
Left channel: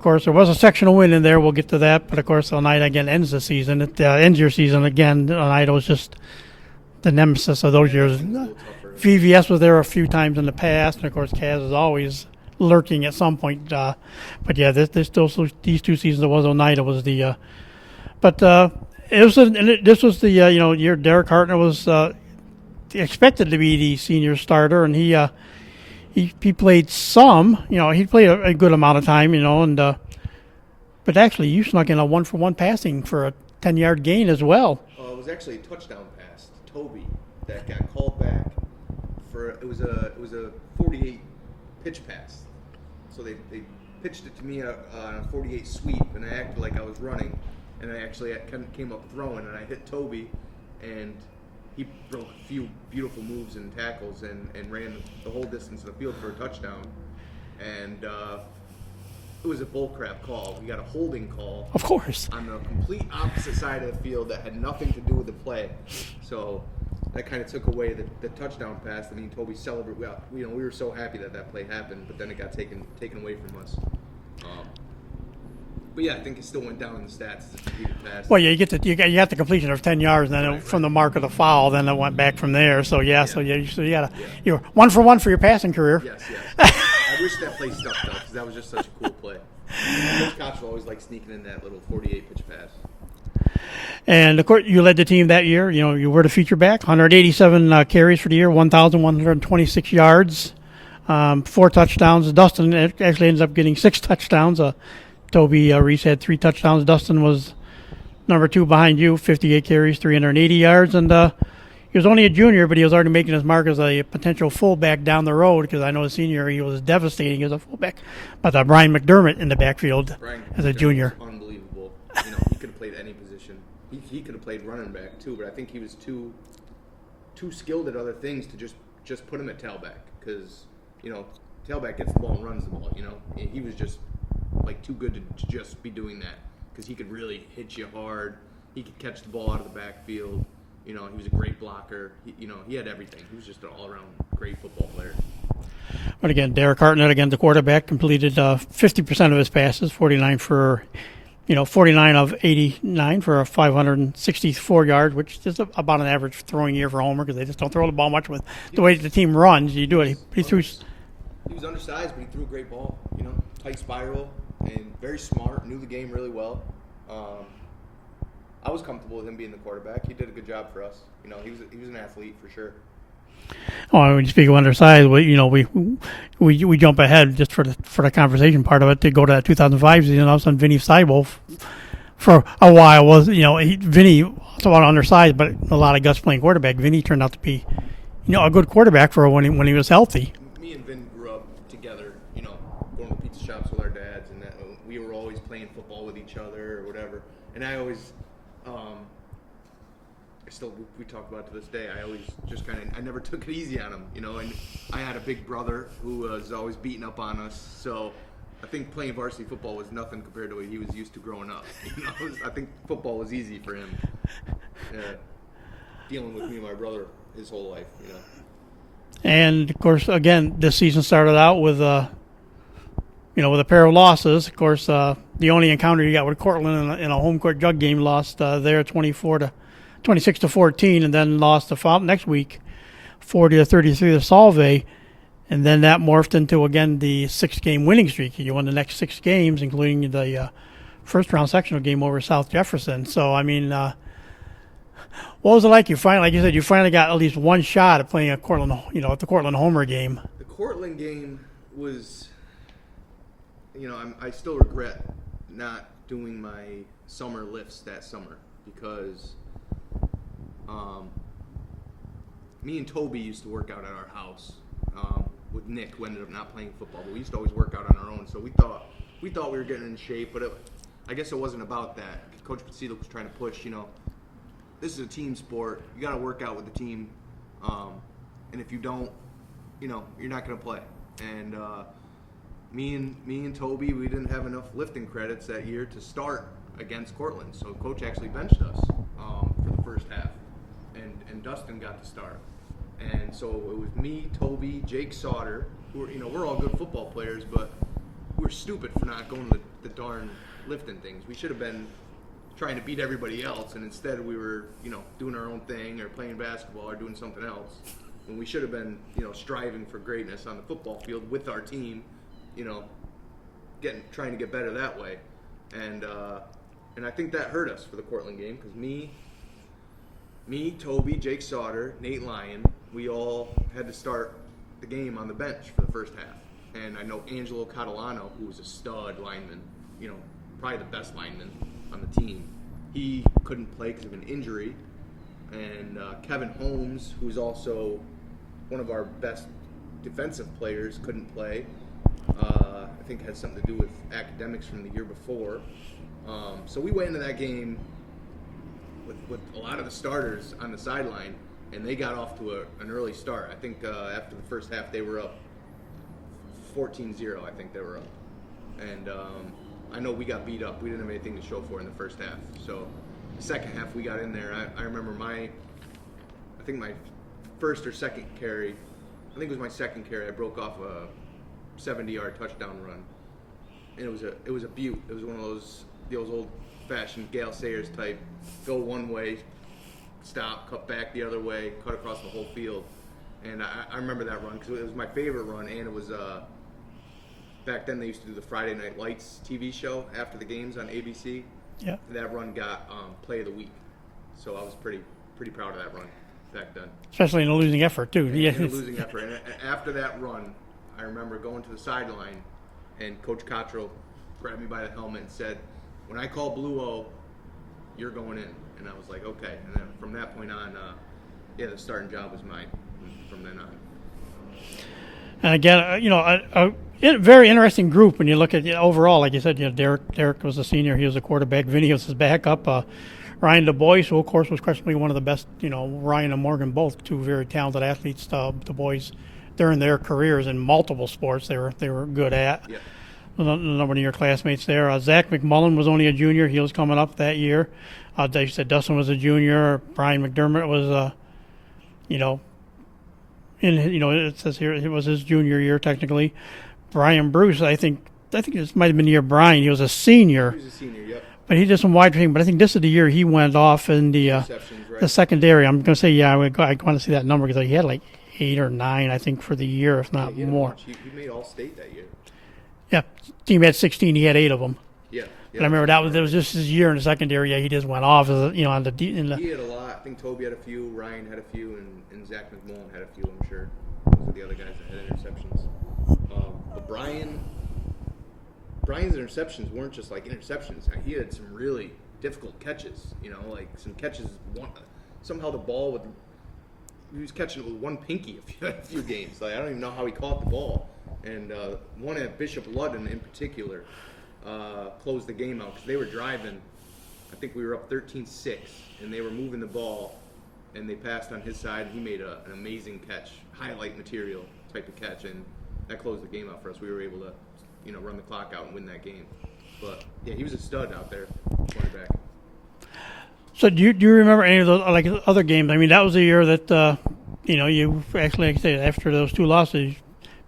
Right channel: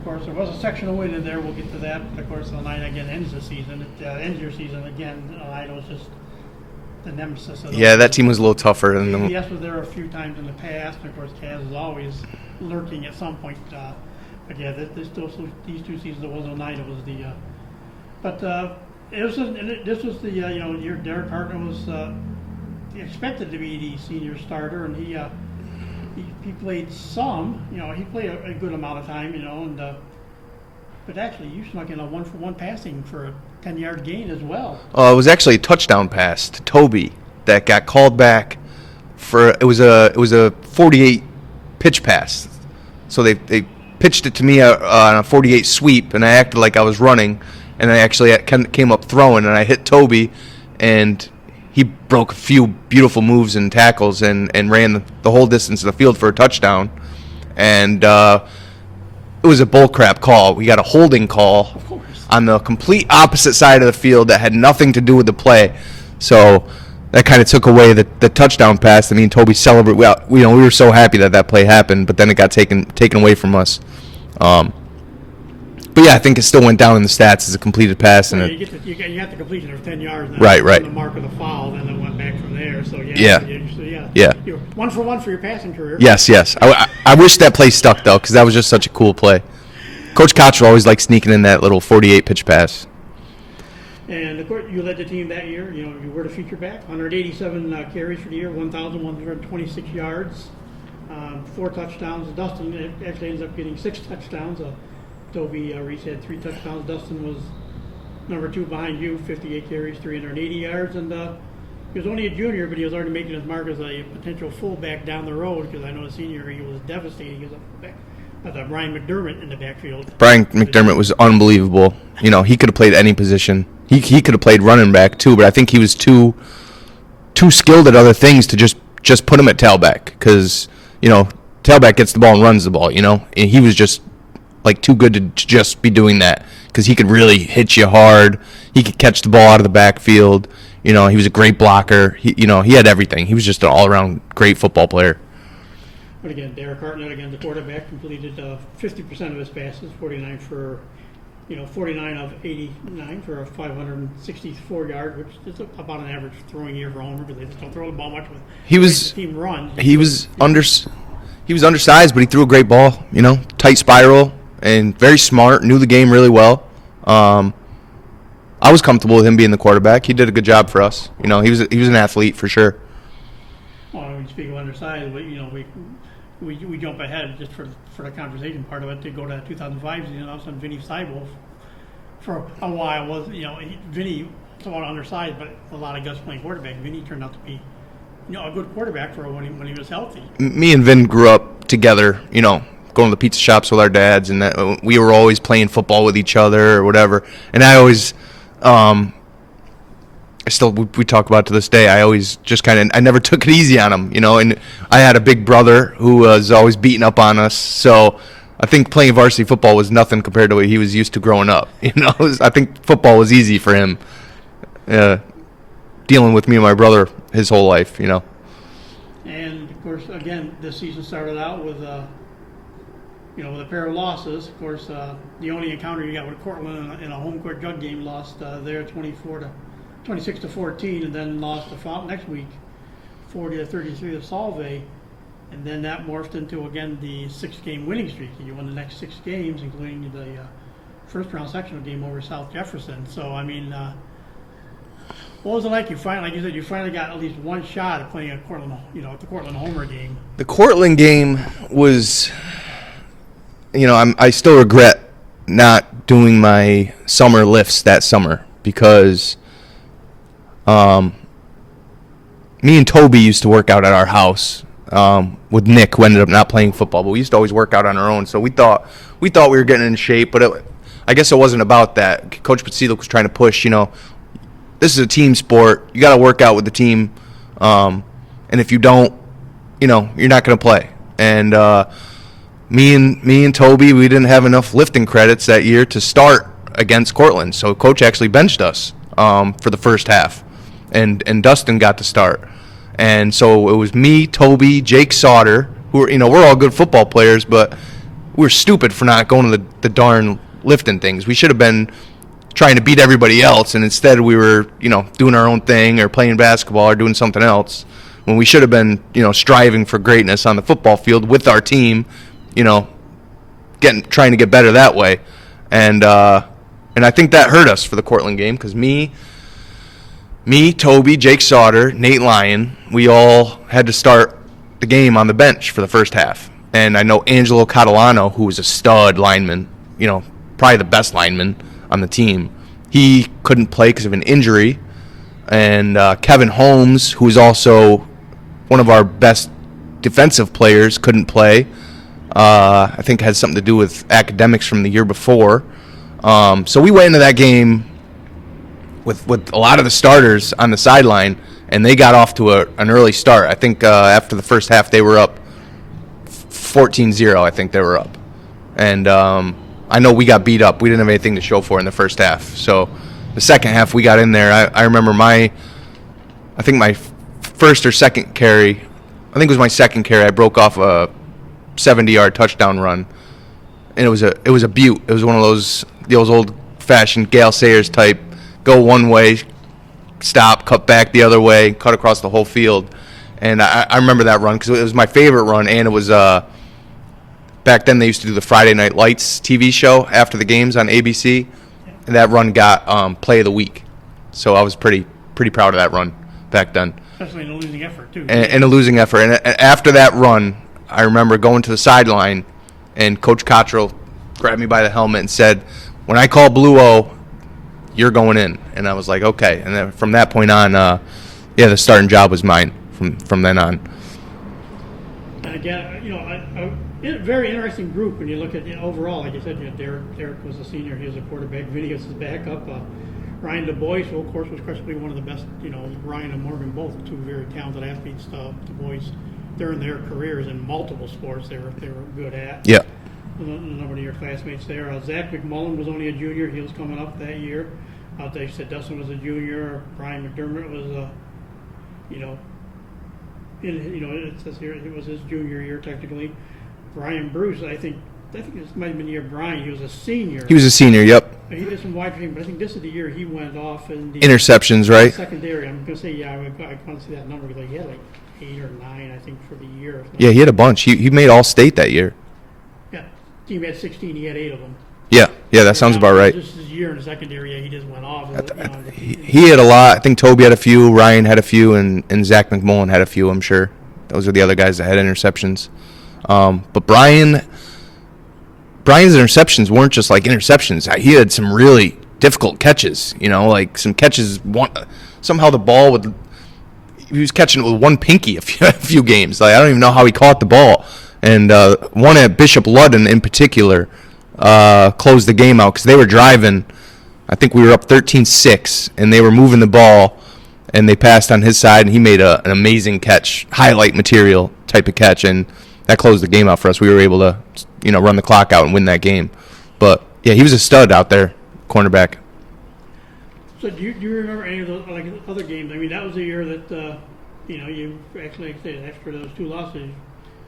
course there was a sectional win in there. We'll get to that, but of course Oneida again ends the season. It ends your season again. Oneida was just the nemesis of those. Yeah, years. that team was a little tougher. VVS was there a few times in the past, and of course Kaz is always lurking at some point. But yeah, these two seasons it was Oneida was the. This was the year Derek Hartner was expected to be the senior starter, and he played some. He played a good amount of time. But actually you snuck in a 1-for-1 passing for a 10-yard gain as well. It was actually a touchdown pass to Toby that got called back for. It was a 48 pitch pass, so they pitched it to me on a 48 sweep, and I acted like I was running. And I actually came up throwing, and I hit Toby, and he broke a few beautiful moves and tackles and ran the whole distance of the field for a touchdown. And it was a bullcrap call. We got a holding call, of course, on the complete opposite side of the field that had nothing to do with the play. So that kind of took away the touchdown pass. I mean, Toby celebrated. We were so happy that play happened, but then it got taken away from us. But yeah, I think it still went down in the stats as a completed pass. Well, yeah, you got the completion of 10 yards, and then right. From the mark of the foul, then it went back from there. So yeah. So you got you're 1-for-1 for your passing career. Yes. I wish that play stuck though, because that was just such a cool play. Coach Cottrell always liked sneaking in that little 48 pitch pass. And of course, you led the team that year. You were the feature back, 187 carries for the year, 1,126 yards, 4 touchdowns. Dustin actually ends up getting 6 touchdowns. Toby Reese had 3 touchdowns. Dustin was number 2 behind you, 58 carries, 380 yards. And he was only a junior, but he was already making his mark as a potential fullback down the road, because I know his senior he was devastating as a fullback. But Brian McDermott in the backfield. Brian McDermott was unbelievable. He could have played any position. He could have played running back too, but I think he was too skilled at other things to just put him at tailback, because tailback gets the ball and runs the ball. And he was just too good to just be doing that, because he could really hit you hard. He could catch the ball out of the backfield. He was a great blocker. He had everything. He was just an all-around great football player. But again, Derek Hartnett, the quarterback, completed 50% of his passes, 49 of 89 for a 564 yards, which is about an average throwing year for Homer, because they just don't throw the ball much with the way the team runs. He was undersized, but he threw a great ball. Tight spiral. And very smart, knew the game really well. I was comfortable with him being the quarterback. He did a good job for us. He was an athlete for sure. Oh, when you speak of undersized, we jump ahead just for the conversation part of it to go to that 2005 season. All of a sudden, Vinny Seibel for a while was Vinny somewhat undersized, but a lot of guts playing quarterback. Vinny turned out to be a good quarterback for when he was healthy. Me and Vin grew up together. Going to the pizza shops with our dads, and that we were always playing football with each other or whatever. And I always, we talk about it to this day. I always just I never took it easy on him, And I had a big brother who was always beating up on us. So I think playing varsity football was nothing compared to what he was used to growing up. I think football was easy for him. Dealing with me and my brother his whole life, And of course, again, this season started out with with a pair of losses. Of course, the only encounter you got with Cortland in a home court jug game, lost there 26-14, and then lost the next week 40-33 to Solvay, and then that morphed into again the 6-game winning streak. You won the next 6 games, including the first round sectional game over South Jefferson. So I mean, what was it like? You finally got at least one shot at playing at Cortland, at the Cortland Homer game. The Cortland game was. I still regret not doing my summer lifts that summer, because me and Toby used to work out at our house with Nick, who ended up not playing football, but we used to always work out on our own. So we thought we were getting in shape, but I guess it wasn't about that. Coach Patsilik was trying to push, this is a team sport. You got to work out with the team. and if you don't, you're not going to play. And me and Toby, we didn't have enough lifting credits that year to start against Cortland, so coach actually benched us for the first half, and Dustin got to start. And so it was me, Toby, Jake Sauter, who were, we're all good football players, but we were stupid for not going to the darn lifting things. We should have been trying to beat everybody else, and instead we were, doing our own thing or playing basketball or doing something else, when we should have been, striving for greatness on the football field with our team, trying to get better that way. And I think that hurt us for the Cortland game, because me, Toby, Jake Sauter, Nate Lyon, we all had to start the game on the bench for the first half. And I know Angelo Catalano, who was a stud lineman, probably the best lineman on the team, he couldn't play because of an injury. And Kevin Holmes, who is also one of our best defensive players, couldn't play. I think had something to do with academics from the year before. So we went into that game with a lot of the starters on the sideline, and they got off to an early start. I think after the first half they were up 14-0, I think they were up. And I know we got beat up. We didn't have anything to show for in the first half. So the second half we got in there. I remember I think my first or second carry, I think it was my second carry, I broke off a 70-yard touchdown run. And it was a beaut. It was one of those old-fashioned Gale Sayers type, go one way, stop, cut back the other way, cut across the whole field. And I remember that run because it was my favorite run, and it was back then they used to do the Friday Night Lights TV show after the games on ABC, and that run got Play of the Week. So I was pretty proud of that run back then. Especially in a losing effort, too. And a losing effort. And after that run, I remember going to the sideline, and Coach Cottrell grabbed me by the helmet and said, "When I call Blue O, you're going in." And I was like, okay. And then from that point on, the starting job was mine from then on. And again, a very interesting group when you look at overall. Like you said, Derek was a senior. He was a quarterback. Vinny was his backup. Ryan Du Bois, who of course was questionably one of the best. Ryan and Morgan, both two very talented athletes. Du Bois, during their careers in multiple sports, they were good at. Yeah. A number of your classmates there. Zach McMullen was only a junior. He was coming up that year. They said Dustin was a junior. Brian McDermott was, it says here it was his junior year technically. Brian Bruce, I think this might have been the year Brian. He was a senior. He was a senior, yep. But he did some wide receiving. But I think this is the year he went off in the interceptions, right? The secondary. I'm going to say, I want to see that number because he had like 8 or 9, I think, for the year. If not he had a more. bunch. He made All-State that year. Yeah, team had 16. He had 8 of them. Yeah, that sounds about right. Just his year in the secondary, he just went off. On the he had a lot. I think Toby had a few, Ryan had a few, and Zach McMullen had a few. I'm sure those are the other guys that had interceptions. But Brian's interceptions weren't just like interceptions. He had some really difficult catches. Like some catches. Somehow the ball would. He was catching it with one pinky a few games. Like I don't even know how he caught the ball. And one at Bishop Ludden in particular closed the game out because they were driving. I think we were up 13-6, and they were moving the ball, and they passed on his side, and he made an amazing catch, highlight material type of catch, and that closed the game out for us. We were able to, run the clock out and win that game. But yeah, he was a stud out there, cornerback. So do you remember any of those other games? I mean, that was the year that you actually, like I said, after those 2 losses,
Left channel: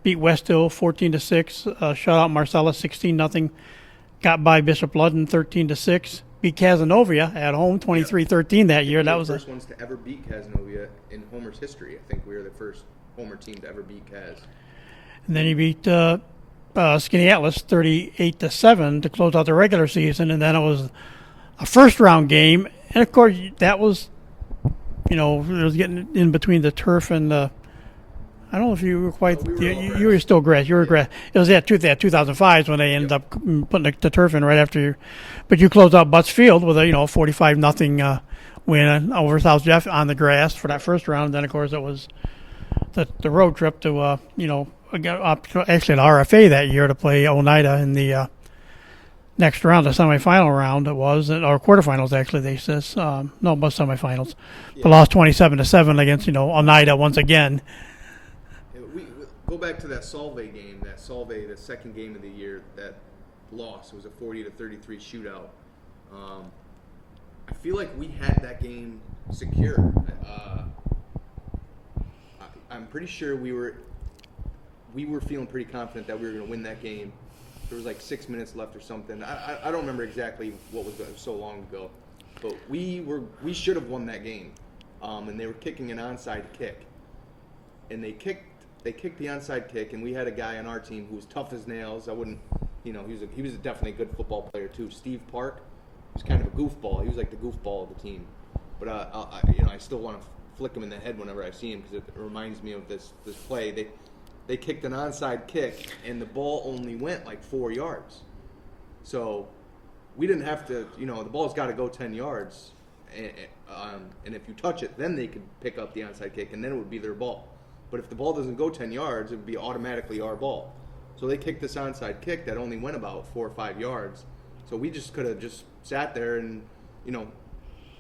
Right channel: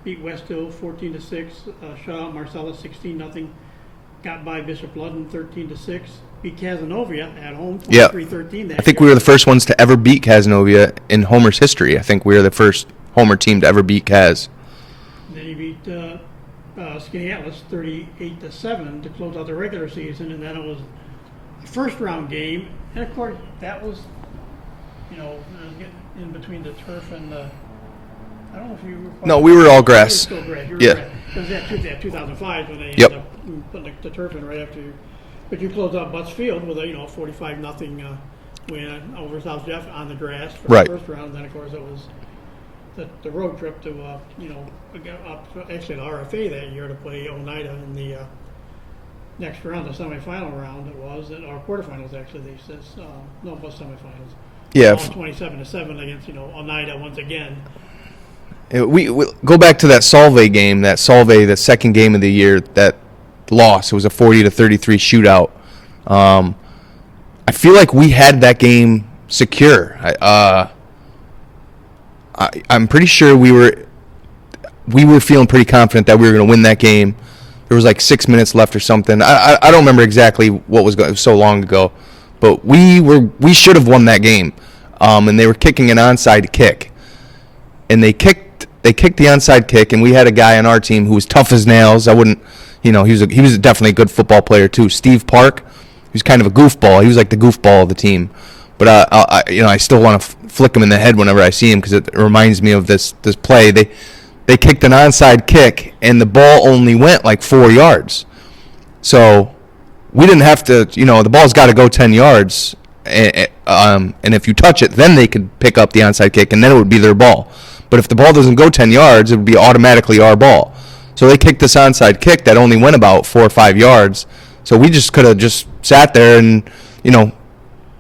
beat West Hill 14-6, shut out Marcellus 16-0, got by Bishop Ludden 13-6, beat Cazenovia at home 23-13 that year. I think we were the first ones to ever beat Cazenovia in Homer's history. I think we were the first Homer team to ever beat Caz. And then he beat Skinny Atlas 38-7 to close out the regular season, and then it was a first-round game. And, of course, that was, it was getting in between the turf and the – I don't know if you were quite – No, we were all grass. You were still grass. You were grass. It was that 2005 when they ended up putting the turf in right after you. But you closed out Butts Field with a 45-0 win over South Jeff on the grass for the first round. And then, of course, it was the road trip to, actually an RFA that year to play Oneida in the next round, the semifinal round it was, or quarterfinals actually, they says. No, it was semifinals. Yeah. Lost 27-7 against, Oneida once again. We go back to that Solvay game, the second game of the year, that loss. It was a 40-33 shootout. I feel like we had that game secure. I'm pretty sure we were feeling pretty confident that we were going to win that game. There was like 6 minutes left or something. I don't remember exactly what was going. It was so long ago, but we should have won that game. And they were kicking an onside kick, and they kicked the onside kick, and we had a guy on our team who was tough as nails. I wouldn't, he was definitely a good football player too. Steve Park, he was kind of a goofball. He was like the goofball of the team, but I still want to flick him in the head whenever I see him because it reminds me of this play. They kicked an onside kick, and the ball only went like 4 yards. So we didn't have to, the ball's got to go 10 yards, and if you touch it, then they could pick up the onside kick, and then it would be their ball. But if the ball doesn't go 10 yards, it would be automatically our ball. So they kicked this onside kick that only went about 4 or 5 yards. So we just could have just sat there and,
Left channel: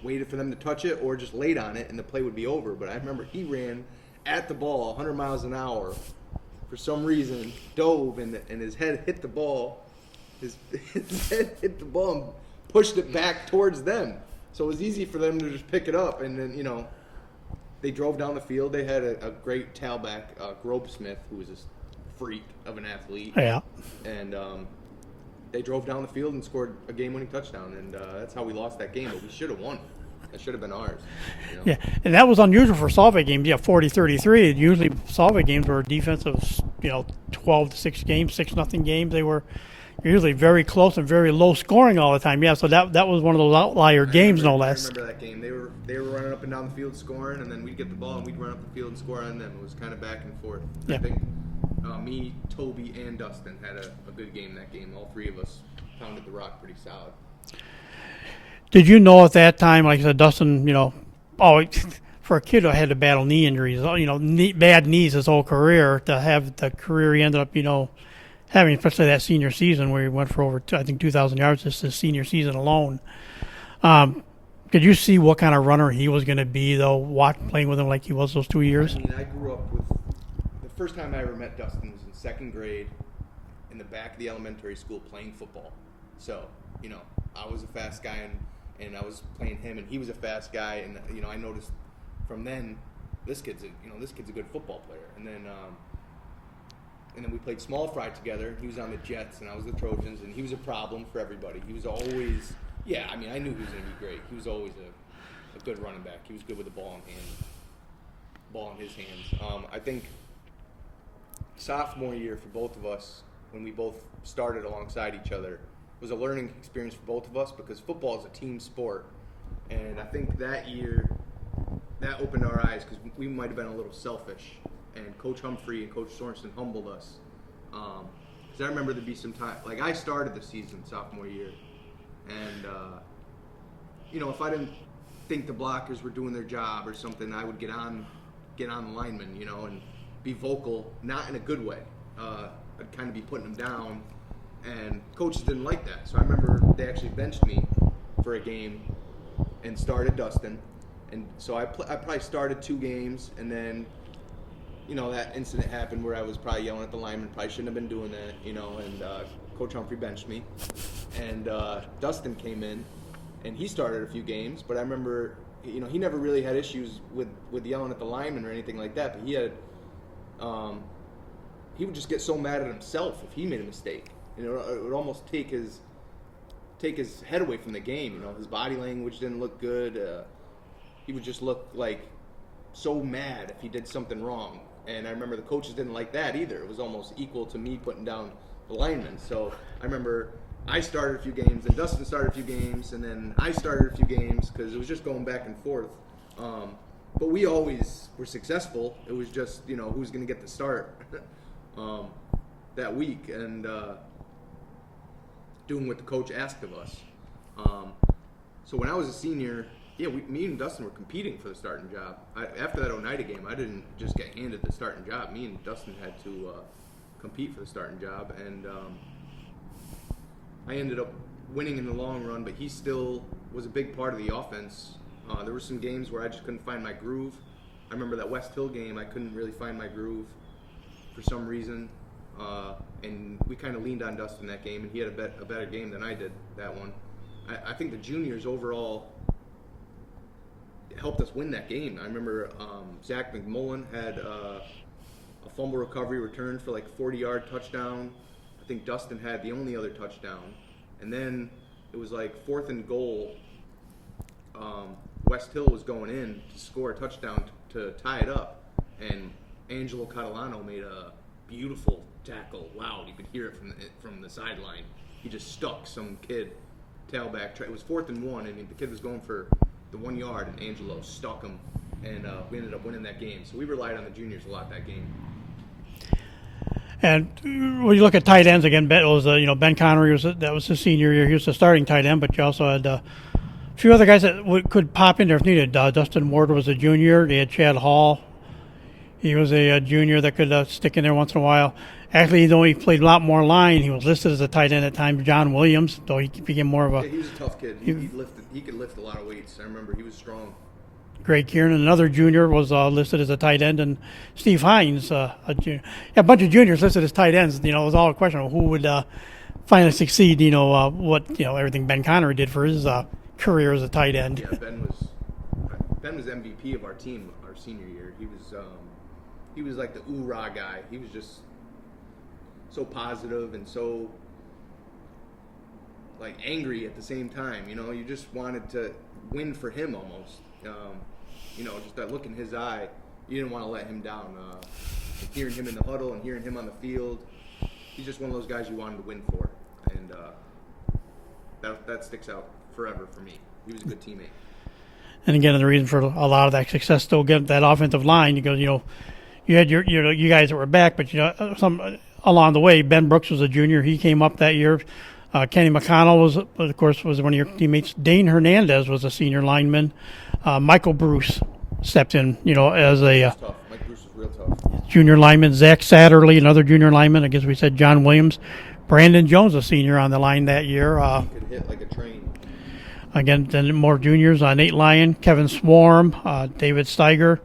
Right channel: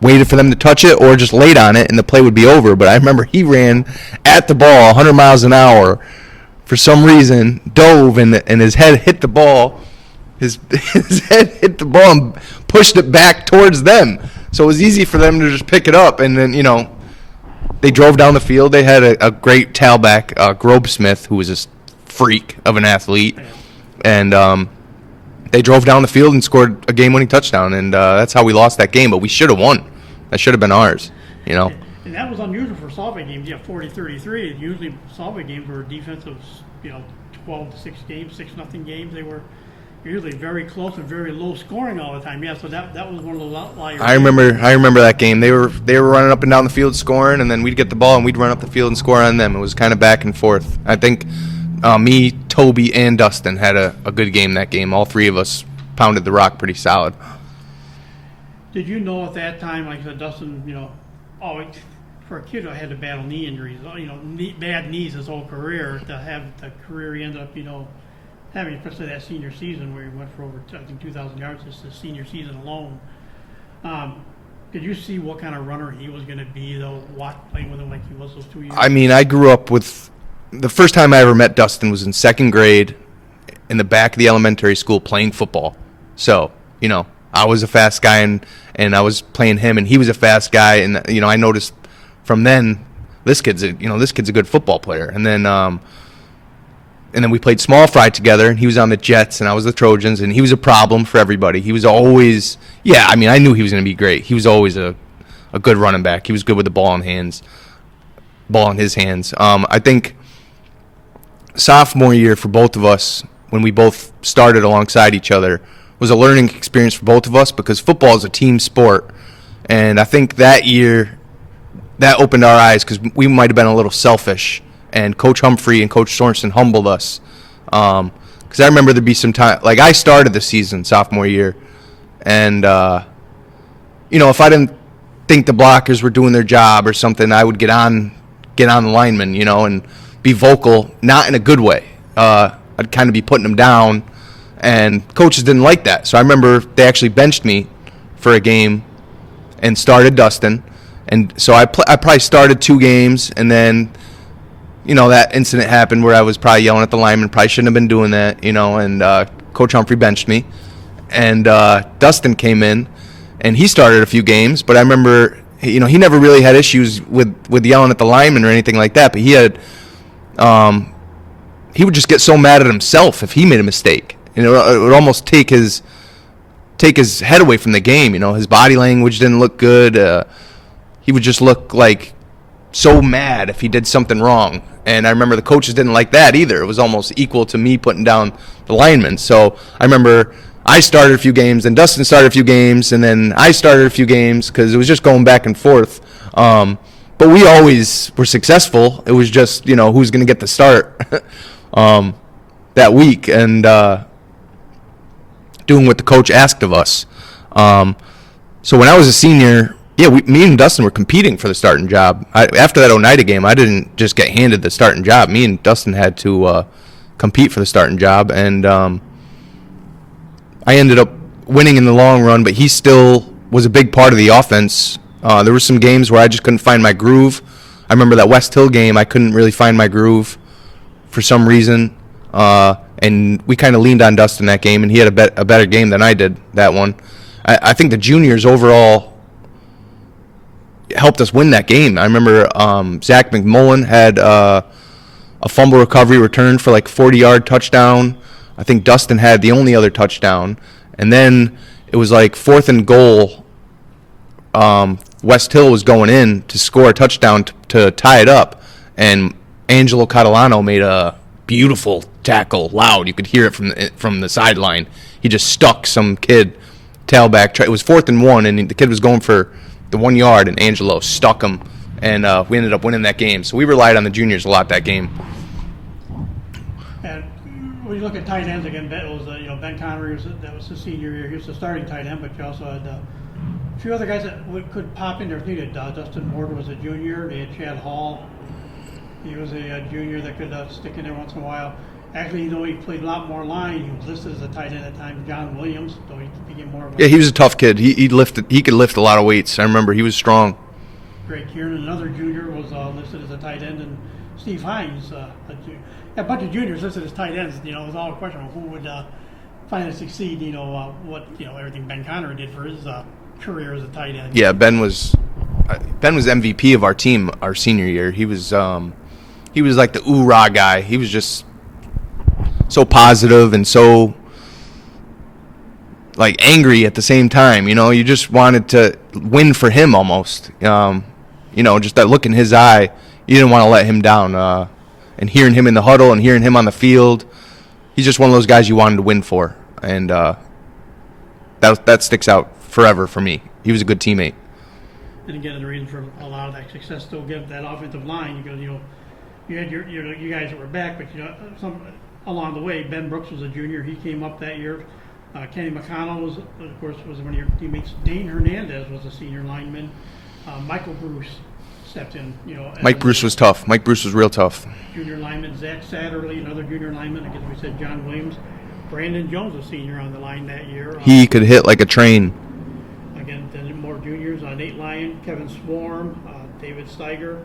waited for them to touch it or just laid on it, and the play would be over. But I remember he ran at the ball 100 miles an hour. For some reason, dove, and his head hit the ball. His head hit the ball and pushed it back towards them. So it was easy for them to just pick it up. And then, they drove down the field. They had a great tailback, Grobesmith, who was a freak of an athlete. Yeah. And they drove down the field and scored a game-winning touchdown. And that's how we lost that game. But we should have won. That should have been ours. Yeah, and that was unusual for Solvay games. 40-33. Usually Solvay games were defensive, 12 to 6 games, 6-0 games. They were usually very close and very low scoring all the time. Yeah, so that was one of those outlier games. I remember that game. They were running up and down the field scoring, and then we'd get the ball and we'd run up the field and score on them. It was kind of back and forth. I think me, Toby, and Dustin had a good game that game. All three of us pounded the rock pretty solid. Did you know at that time, like I said, Dustin, for a kid who had to battle knee injuries, bad knees his whole career, to have the career he ended up, having, especially that senior season where he went for over, 2,000 yards just his senior season alone. Did you see what kind of runner he was going to be, though, playing with him like he was those 2 years? I mean, I grew up with – the first time I ever met Dustin was in second grade in the back of the elementary school playing football. So, I was a fast guy, and I was playing him, and he was a fast guy. And, I noticed from then this kid's a good football player. And then we played small fry together, and he was on the Jets, and I was the Trojans, and he was a problem for everybody. He was always – I knew he was going to be great. He was always a good running back. He was good with the ball in his hands. I think sophomore year for both of us, when we both started alongside each other, was a learning experience for both of us because football is a team sport. And I think that year that opened our eyes because we might have been a little selfish. And Coach Humphrey and Coach Sorensen humbled us. Because I remember there'd be some time, like I started the season sophomore year. And, if I didn't think the blockers were doing their job or something, I would get on the linemen, and be vocal, not in a good way. I'd kind of be putting them down. And coaches didn't like that. So I remember they actually benched me for a game and started Dustin. And so I probably started 2 games, and then, that incident happened where I was probably yelling at the lineman. Probably shouldn't have been doing that, and Coach Humphrey benched me. And Dustin came in, and he started a few games. But I remember, he never really had issues with yelling at the lineman or anything like that. But he had, he would just get so mad at himself if he made a mistake. It would almost take his head away from the game. His body language didn't look good. He would just look like so mad if he did something wrong. And I remember the coaches didn't like that either. It was almost equal to me putting down the linemen. So I remember I started a few games, and Dustin started a few games, and then I started a few games because it was just going back and forth. But we always were successful. It was just, who's going to get the start that week. And doing what the coach asked of us. So when I was a senior, me and Dustin were competing for the starting job. After that Oneida game, I didn't just get handed the starting job. Me and Dustin had to compete for the starting job, and I ended up winning in the long run, but he still was a big part of the offense. There were some games where I just couldn't find my groove. I remember that West Hill game, I couldn't really find my groove. for some reason, and we kind of leaned on Dustin that game, and he had a better game than I did that one. I think the juniors overall helped us win that game. I remember Zach McMullen had a fumble recovery return for like 40-yard touchdown. I think Dustin had the only other touchdown. And then it was like 4th and goal. West Hill was going in to score a touchdown to tie it up. And Angelo Catalano made a beautiful tackle, loud. You could hear it from the sideline. He just stuck some kid tailback. It was 4th and 1, and the kid was going for the 1 yard, and Angelo stuck him. And we ended up winning that game. So we relied on the juniors a lot that game. And when you look at tight ends again, Ben Connery that was his senior year. He was the starting tight end, but you also had a few other guys that could pop in there if needed. Dustin Ward was a junior. They had Chad Hall. He was a junior that could stick in there once in a while. Actually, though he played a lot more line, he was listed as a tight end at times. John Williams, though he became more of a he was a tough kid. He could lift a lot of weights. I remember he was strong. Greg Kieran, another junior, was listed as a tight end, and Steve Hines, a bunch of juniors listed as tight ends. It was all a question of who would finally succeed. Everything Ben Connery did for his career as a tight end. Yeah, Ben was MVP of our team our senior year. He was like the ooh-rah guy. He was just so positive and so like angry at the same time. You just wanted to win for him almost. Just that look in his eye. You didn't want to let him down. And hearing him in the huddle and hearing him on the field, he's just one of those guys you wanted to win for. And that sticks out forever for me. He was a good teammate. And again, the reason for a lot of that success still get that offensive line. You had you guys that were back, but some along the way. Ben Brooks was a junior. He came up that year. Kenny McConnell was one of your teammates. Dane Hernandez was a senior lineman. Michael Bruce stepped in. Mike Bruce was tough. Mike Bruce was real tough. Junior lineman. Zach Satterley, another junior lineman. I guess we said John Williams. Brandon Jones, a senior on the line that year. He could hit like a train. Again, then more juniors. Nate Lyon, Kevin Swarm, David Steiger,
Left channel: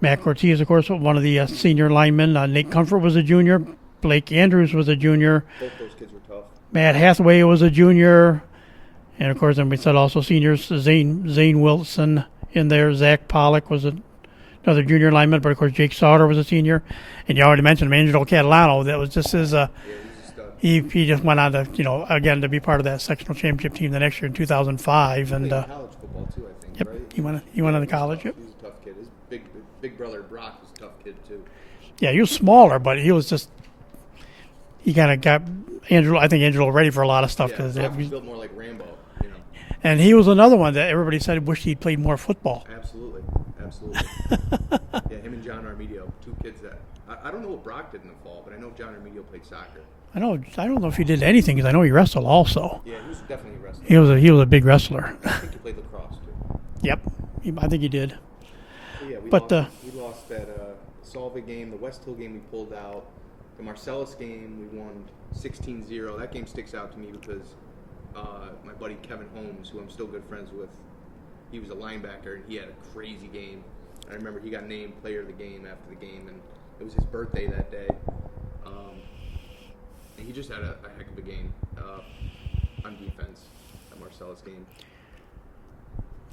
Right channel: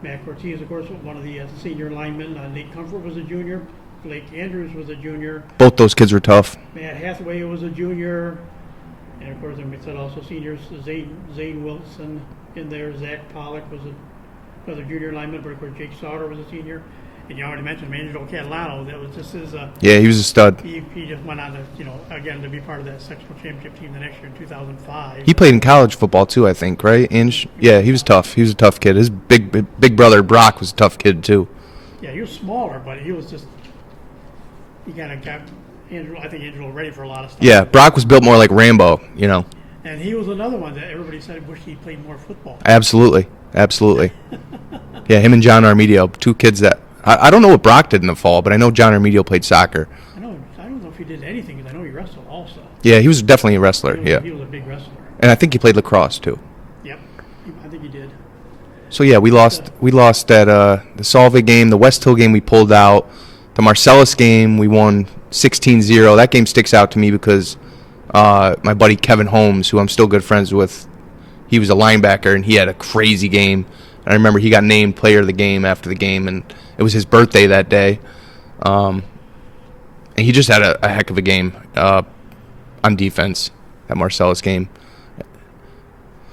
Matt Cortez, of course, one of the senior linemen. Nate Comfort was a junior. Blake Andrews was a junior. Both those kids were tough. Matt Hathaway was a junior. And, of course, then we said also seniors, Zane Wilson in there. Zach Pollock was another junior lineman. But, of course, Jake Sauter was a senior. And you already mentioned him, Angelo Catalano. That was just his he was a stud. He just went on to, again, to be part of that sectional championship team the next year in 2005. He played in college football, too, I think, right? He was tough. He was a tough kid. His big brother, Brock, was a tough kid, too. Yeah, he was smaller, but he was just... He kind of got Angelo ready for a lot of stuff. Yeah, Brock was built more like Rambo, And he was another one that everybody said wished he'd played more football. Absolutely. Yeah, him and John Armedio, two kids that... I don't know what Brock did in the fall, but I know John Armedio played soccer. I don't know if he did anything, because I know he wrestled also. Yeah, he was definitely a wrestler. He was a big wrestler. And I think he played lacrosse, too. Yep, I think he did. So, yeah, we lost at the Solvay game, the West Hill game we pulled out. The Marcellus game, we won 16-0. That game sticks out to me because my buddy Kevin Holmes, who I'm still good friends with, he was a linebacker, and he had a crazy game. And I remember he got named player of the game after the game, and it was his birthday that day. And he just had a heck of a game on defense, that Marcellus game.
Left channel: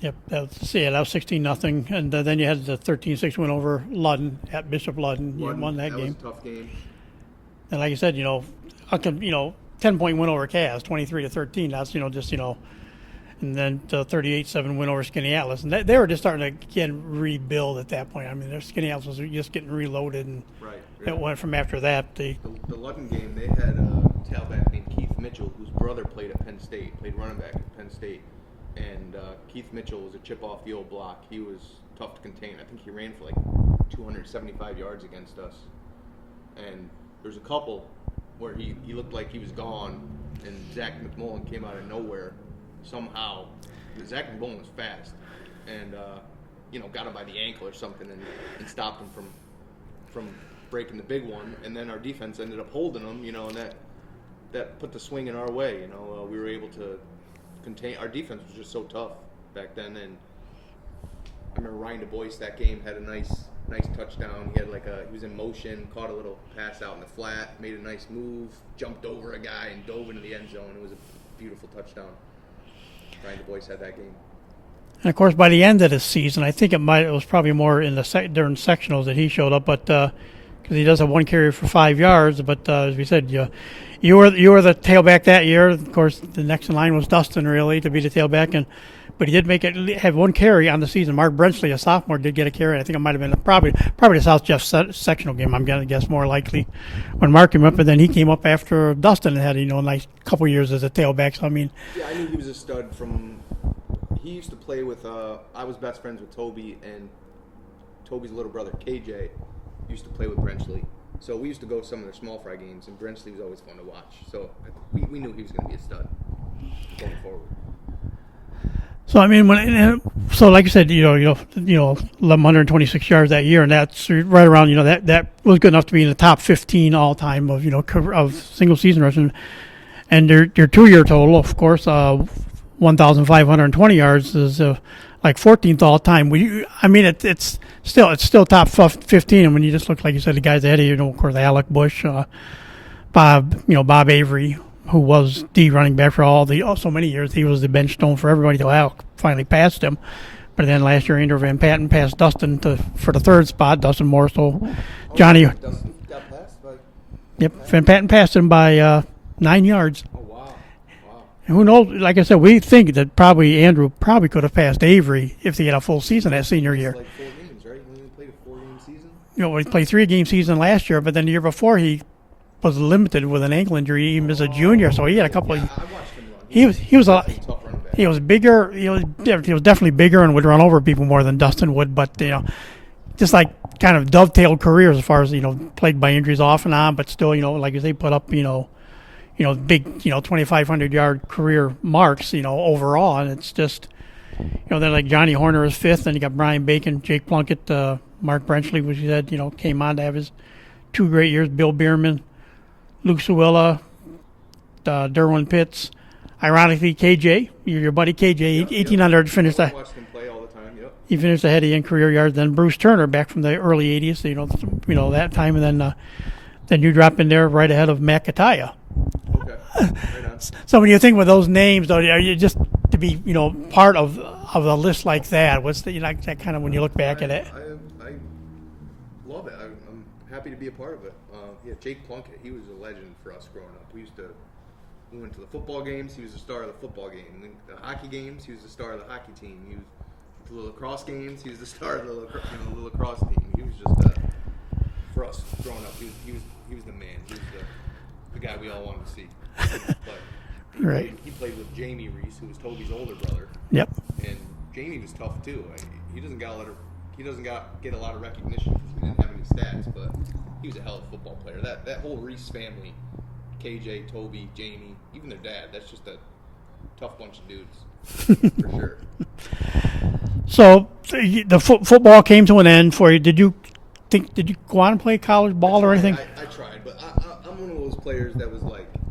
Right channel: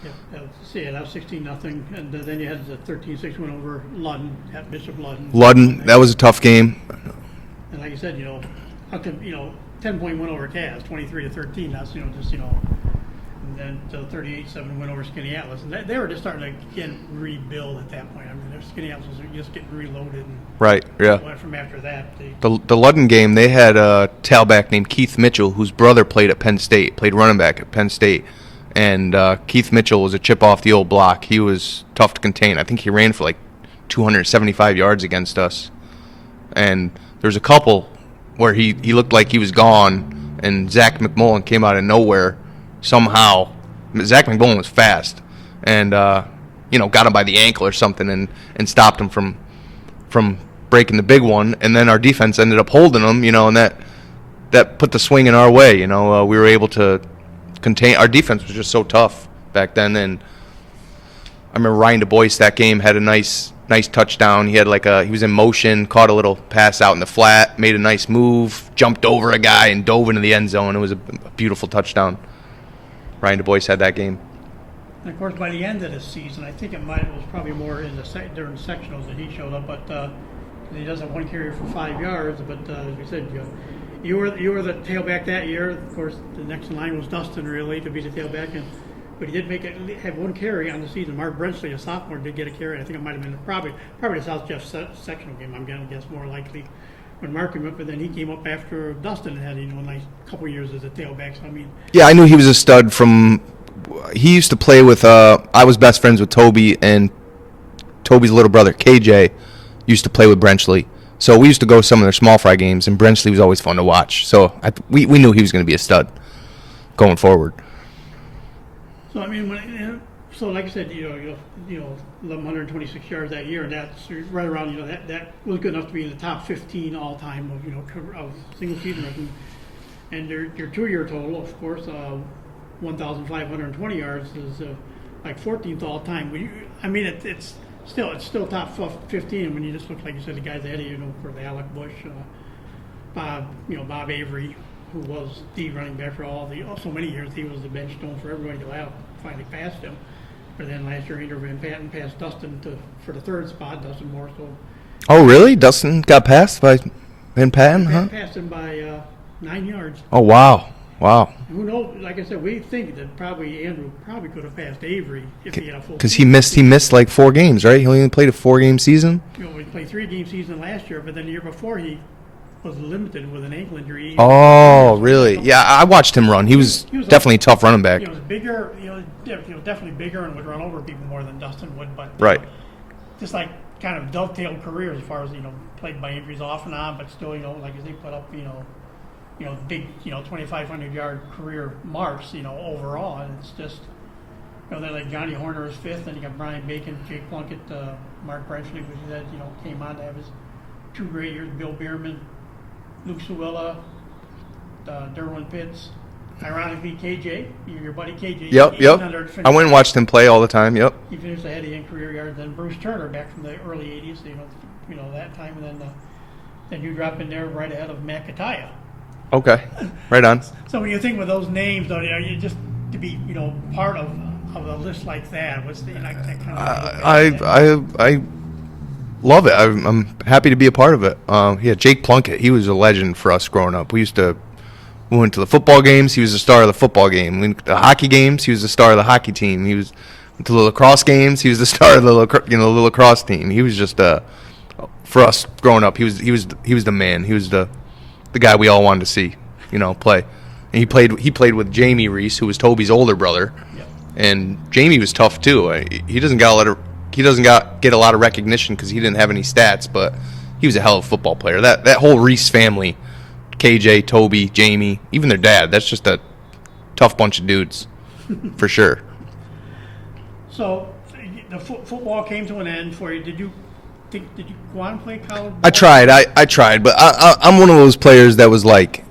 Yep, that was 16-0, and then you had the 13-6 win over Ludden at Bishop Ludden. That was a tough game. And like you said, 10-point win over Cass, 23-13. That's and then the 38-7 win over Skinny Atlas, and they were just starting to rebuild at that point. I mean, their Skinny Atlas was just getting reloaded, and right, yeah. Went from after that. The Ludden game, they had a tailback named Keith Mitchell, whose brother played running back at Penn State. And Keith Mitchell was a chip off the old block. He was tough to contain. I think he ran for like 275 yards against us. And there's a couple where he looked like he was gone, and Zach McMullen came out of nowhere somehow. Zach McMullen was fast, and got him by the ankle or something, and stopped him from breaking the big one. And then our defense ended up holding him, and that put the swing in our way. We were able to contain. Our defense was just so tough back then, and I remember Ryan DuBois that game had a nice nice touchdown. He was in motion, caught a little pass out in the flat, made a nice move, jumped over a guy and dove into the end zone. It was a beautiful touchdown. Ryan Du Bois had that game. And of course, by the end of the season, I think it was probably more in during sectionals that he showed up, but because he does have one carry for 5 yards. But as we said, you were the tailback that year. Of course, the next in line was Dustin, really, to be the tailback, but he did have one carry on the season. Mark Brenchley, a sophomore, did get a carry. I think it might have been probably the South Jeff sectional game. I'm going to guess more likely when Mark came up, and then he came up after Dustin and had a nice couple years as a tailback. So I mean, yeah, I knew he was a stud from. He used to play with. I was best friends with Toby, and Toby's little brother KJ used to play with Brenchley. So we used to go to some of their small fry games, and Brenchley was always fun to watch. So we knew he was going to be a stud going forward. So I mean, like you said, 1,126 yards that year, and that's right around, that was good enough to be in the top 15 all time of of single season rushing, and your 2-year total, of course, 1,520 yards is like 14th all time. I mean, it's still top 15, and when you just look, like you said, the guys ahead of you, of course, Alec Bush, Bob Avery, who was the running back for so many years. He was the bench stone for everybody till Alec finally passed him. But then last year, Andrew Van Patten passed Dustin for the third spot. Dustin Morsel. Oh, really? Dustin got passed by Van Patten? Van Patten passed him by 9 yards. Oh, wow. And who knows? Like I said, we think that Andrew could have passed Avery if he had a full season. Because he missed like 4 games, right? He only played a 4-game season? He played 3-game season last year, but then the year before he was limited with an ankle injury. Oh, really? Yeah, I watched him run. He was definitely a tough running back. He was bigger. He was definitely bigger and would run over people more than Dustin would. But just like kind of dovetailed careers as far as plagued by injuries off and on, but still like you say, put up big 2,500 yard career marks overall, and it's just then like Johnny Horner is 5th, and you got Brian Bacon, Jake Plunkett, Mark Brenchley, which you said came on to have his 2 great years. Bill Bierman, Luke Suella, Derwin Pitts, ironically KJ, your buddy KJ. Yep. He went under to finish. I went and watched him play all the time. Yep. He finished ahead of you in career yards. Then Bruce Turner back from the early '80s. That time, and then you drop in there right ahead of Matt Kataya. Okay, right on. So when you think with those names, though, are you just to be part of a list like that? What's that kind of when you look back at it? I love it. I'm happy to be a part of it. Jake Plunkett, he was a legend for us growing up. We went to the football games. He was the star of the football game. We went to the hockey games. He was the star of the hockey team. Went to the lacrosse games. He was the star of the lacrosse team. He was just for us growing up. He was the man. He was the guy we all wanted to see, play. And he played with Jamie Reese, who was Toby's older brother. Yep. And Jamie was tough too. He doesn't get a lot of recognition because he didn't have any stats, but he was a hell of a football player. That whole Reese family, KJ, Toby, Jamie, even their dad, that's just a tough bunch of dudes, for sure. So the football came to an end for you. Did you go on and play college ball? I tried, but I'm one of those players that was like,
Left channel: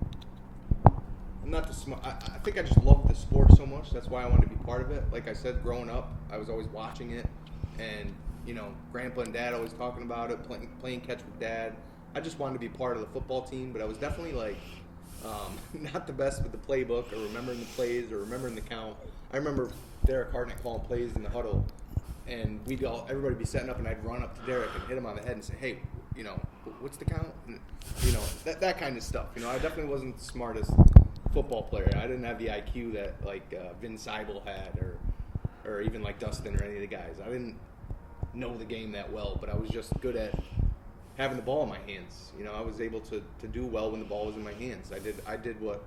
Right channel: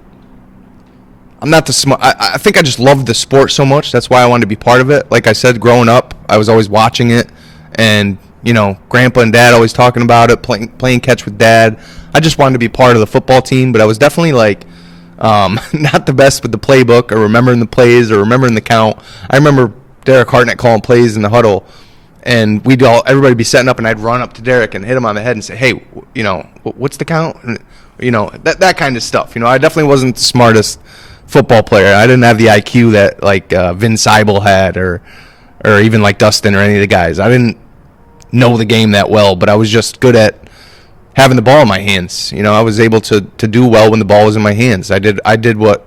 I'm not the smart. I think I just loved the sport so much. That's why I wanted to be part of it. Like I said, growing up, I was always watching it. And, Grandpa and Dad always talking about it, playing catch with Dad. I just wanted to be part of the football team, but I was definitely, not the best with the playbook or remembering the plays or remembering the count. I remember Derek Hartnett calling plays in the huddle, and everybody be setting up, and I'd run up to Derek and hit him on the head and say, hey, what's the count? And, that kind of stuff. I definitely wasn't the smartest football player. I didn't have the IQ that, Vin Seibel had or even like Dustin or any of the guys. I didn't know the game that well, but I was just good at having the ball in my hands. I was able to do well when the ball was in my hands. I did what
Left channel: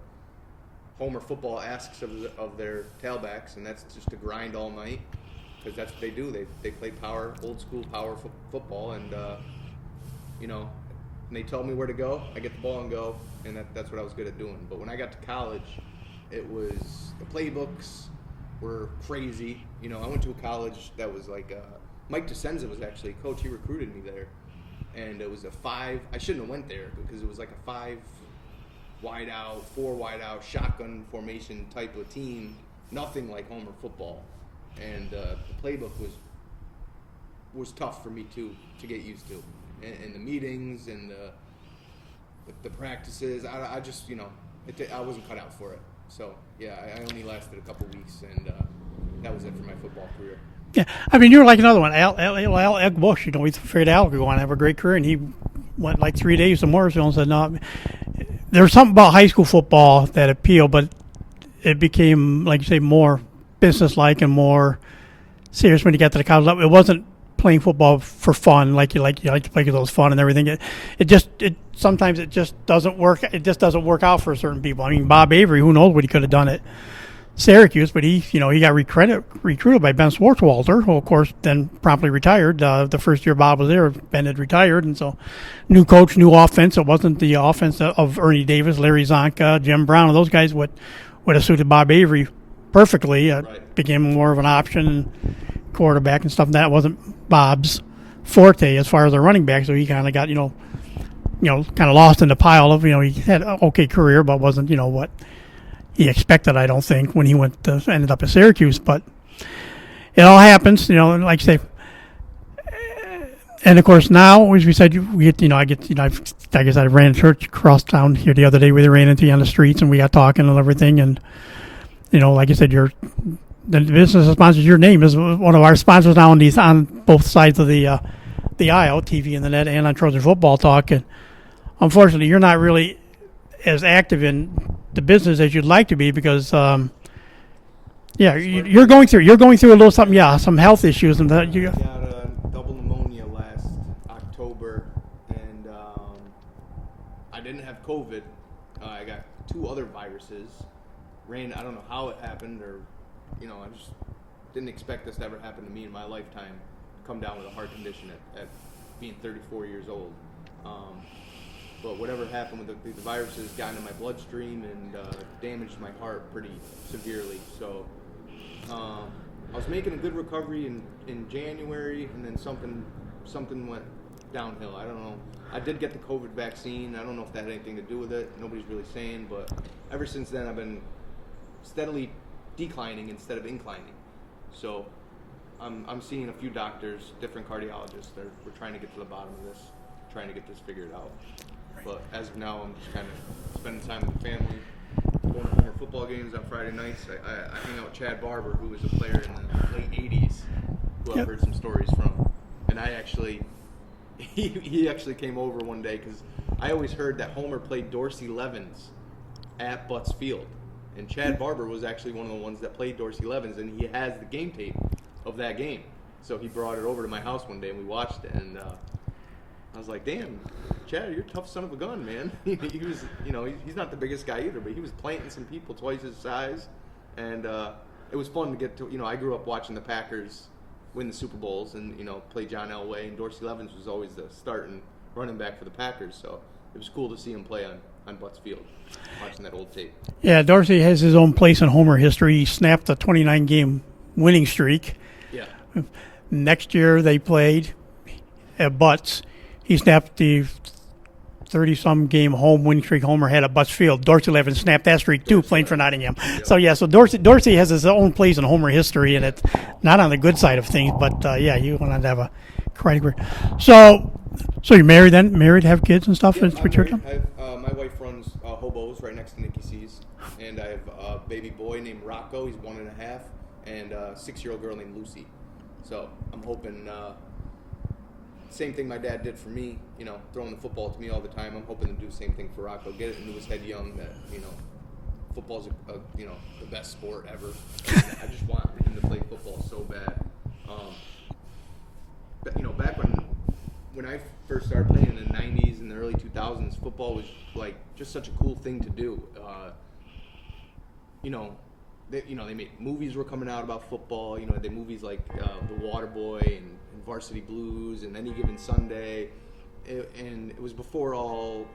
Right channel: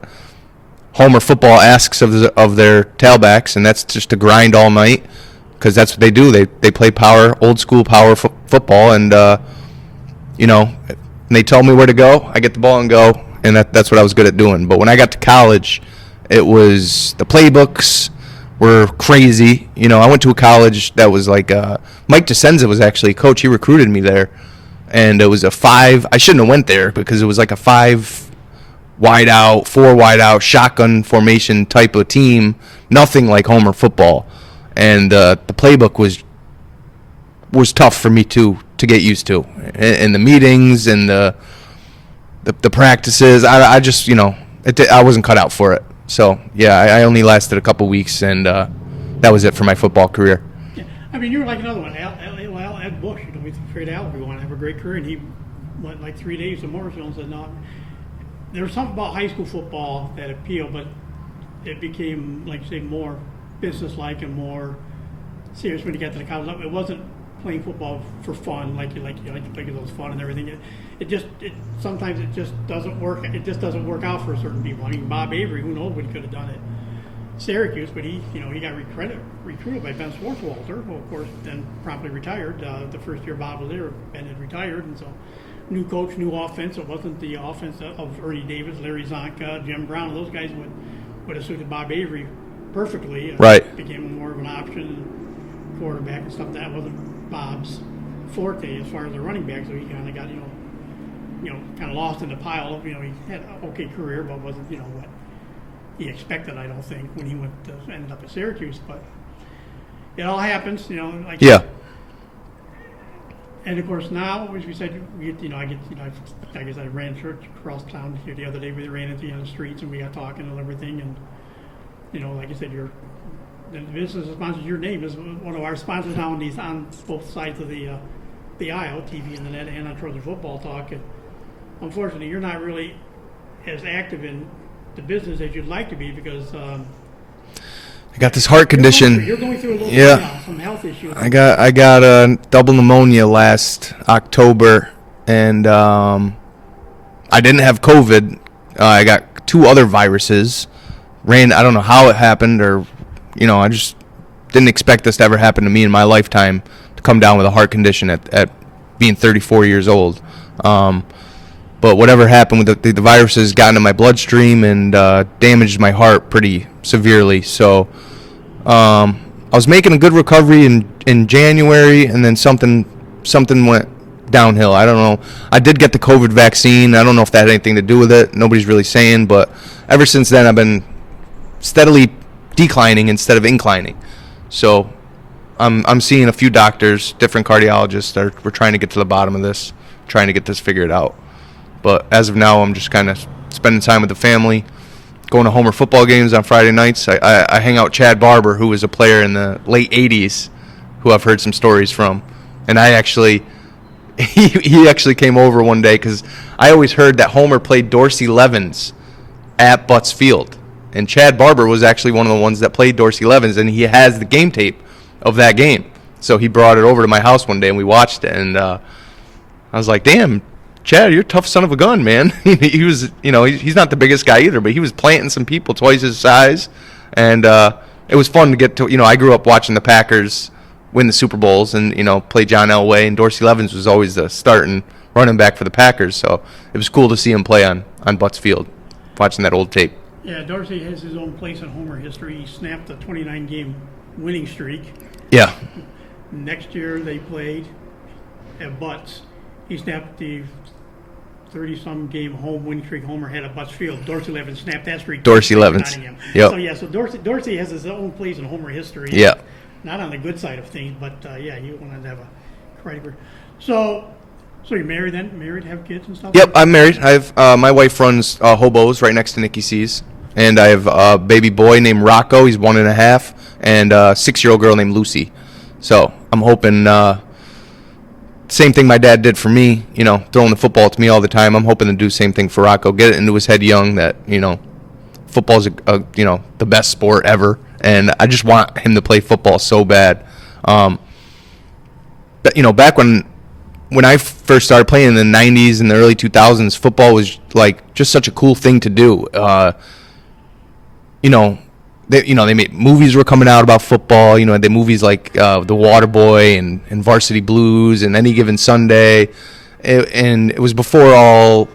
Homer football asks of their tailbacks, and that's just to grind all night, because that's what they do. They play old school power football, and and they tell me where to go. I get the ball and go, and that's what I was good at doing. But when I got to college, it was the playbooks were crazy. I went to a college that was like Mike DeCenza was actually a coach. He recruited me there, and it was a 5. I shouldn't have went there because it was like a 5 wide out, 4 wide out, shotgun formation type of team. Nothing like Homer football, and the playbook was was tough for me to get used to, and the meetings and the practices. I just I wasn't cut out for it. So yeah, I only lasted a couple weeks, and that was it for my football career. Yeah, I mean, you're like another one, Ed Bush. We figured Al would go on and have a great career, and he went like 3 days to Morrisville and said, no. There was something about high school football that appealed, but it became, like you say, more business-like and more serious when you got to the college level. It wasn't playing football for fun, like you like to play those fun and everything. Sometimes it just doesn't work. It just doesn't work out for certain people. I mean, Bob Avery, who knows what he could have done at Syracuse, but he got recruited by Ben Swartzwalter, who of course then promptly retired. The first year Bob was there, Ben had retired, and so new coach, new offense. It wasn't the offense of Ernie Davis, Larry Zonka, Jim Brown, and those guys would have suited Bob Avery perfectly. Right. Became more of an option quarterback and stuff. That wasn't Bob's forte as far as a running back, so he kind of got kind of lost in the pile of he had an okay career, but wasn't what he expected, I don't think, when he ended up at Syracuse. But it all happens, like yeah. And of course now, as we said, I guess I ran a church across town here the other day. We ran into you on the streets and we got talking and everything. And like I said, the business that sponsors your name is one of our sponsors now on both sides of the aisle, TV and the net, and on Trojan Football Talk. And unfortunately, you're not really as active in the business as you'd like to be because got this heart condition. You're going through a little some health issues. I got a double pneumonia last October, and I didn't have COVID. I got 2 other viruses. I don't know how it happened, or I just didn't expect this to ever happen to me in my lifetime, to come down with a heart condition at being 34 years old. But whatever happened with the viruses got into my bloodstream and damaged my heart pretty severely. So I was making a good recovery in January, and then something went downhill. I don't know. I did get the COVID vaccine. I don't know if that had anything to do with it. Nobody's really saying. But ever since then, I've been steadily declining instead of inclining. So I'm seeing a few doctors, different cardiologists. We're trying to get to the bottom of this, trying to get this figured out. But as of now, I'm just kind of spending time with the family, going to Homer football games on Friday nights. I hang out with Chad Barber, who was a player in the late 80s, who I've heard some stories from. And he actually came over one day because I always heard that Homer played Dorsey Levens at Butts Field. And Chad Barber was actually one of the ones that played Dorsey Levens, and he has the game tape of that game. So he brought it over to my house one day, and we watched it. And I was like, damn, Chad, you're a tough son of a gun, man. He was, he's not the biggest guy either, but he was planting some people twice his size. And it was fun to get to, I grew up watching the Packers win the Super Bowls and, play John Elway. And Dorsey Levens was always the starting running back for the Packers. So it was cool to see him play on Butts Field, watching that old tape. Yeah, Dorsey has his own place in Homer history. He snapped a 29-game winning streak. Yeah. Next year they played at Butts. He snapped the 30-some game home winning streak Homer had at Butts Field. Dorsey Levens snapped that streak. Dorsey Levens. For Nottingham. Yep. So Dorsey has his own place in Homer history. Yeah. Not on the good side of things, but you wanted to have a career. So you're married then? Married, have kids and stuff? Yep, I'm married. I have my wife runs Hobos right next to Nikki C's. And I have a baby boy named Rocco. He's 1.5, and a 6-year-old girl named Lucy. So I'm hoping same thing my dad did for me, throwing the football to me all the time. I'm hoping to do the same thing for Rocco. Get it into his head young that, football's the best sport ever. And I just want him to play football so bad. But, back when I first started playing in the 90s and the early 2000s, football was like just such a cool thing to do. They made movies were coming out about football. They had movies like The Waterboy and Varsity Blues and Any Given Sunday. And it was before all.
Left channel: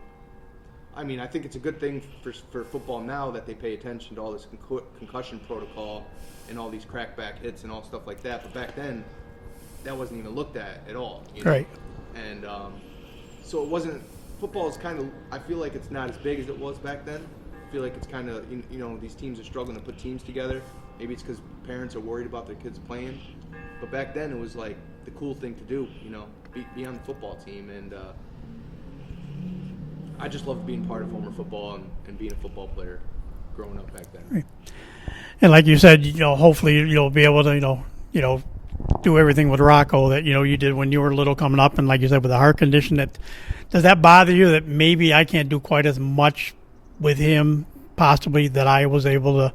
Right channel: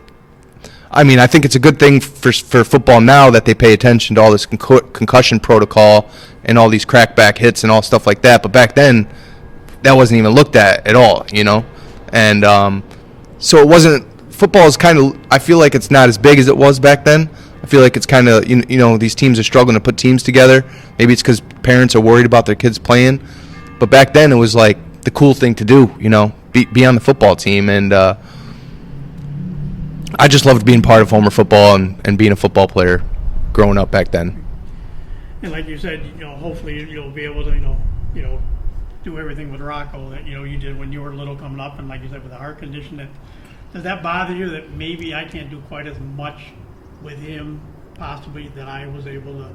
I mean, I think it's a good thing for football now that they pay attention to all this concussion protocol and all these crackback hits and all stuff like that. But back then, that wasn't even looked at all, And so it wasn't. Football is kind of. I feel like it's not as big as it was back then. I feel like it's kind of, these teams are struggling to put teams together. Maybe it's because parents are worried about their kids playing. But back then it was like the cool thing to do, be on the football team. And I just loved being part of Homer football and being a football player growing up back then. And like you said, hopefully you'll be able to, do everything with Rocco that, you did when you were little coming up. And like you said, with a heart condition, does that bother you that maybe I can't do quite as much with him possibly that I was able to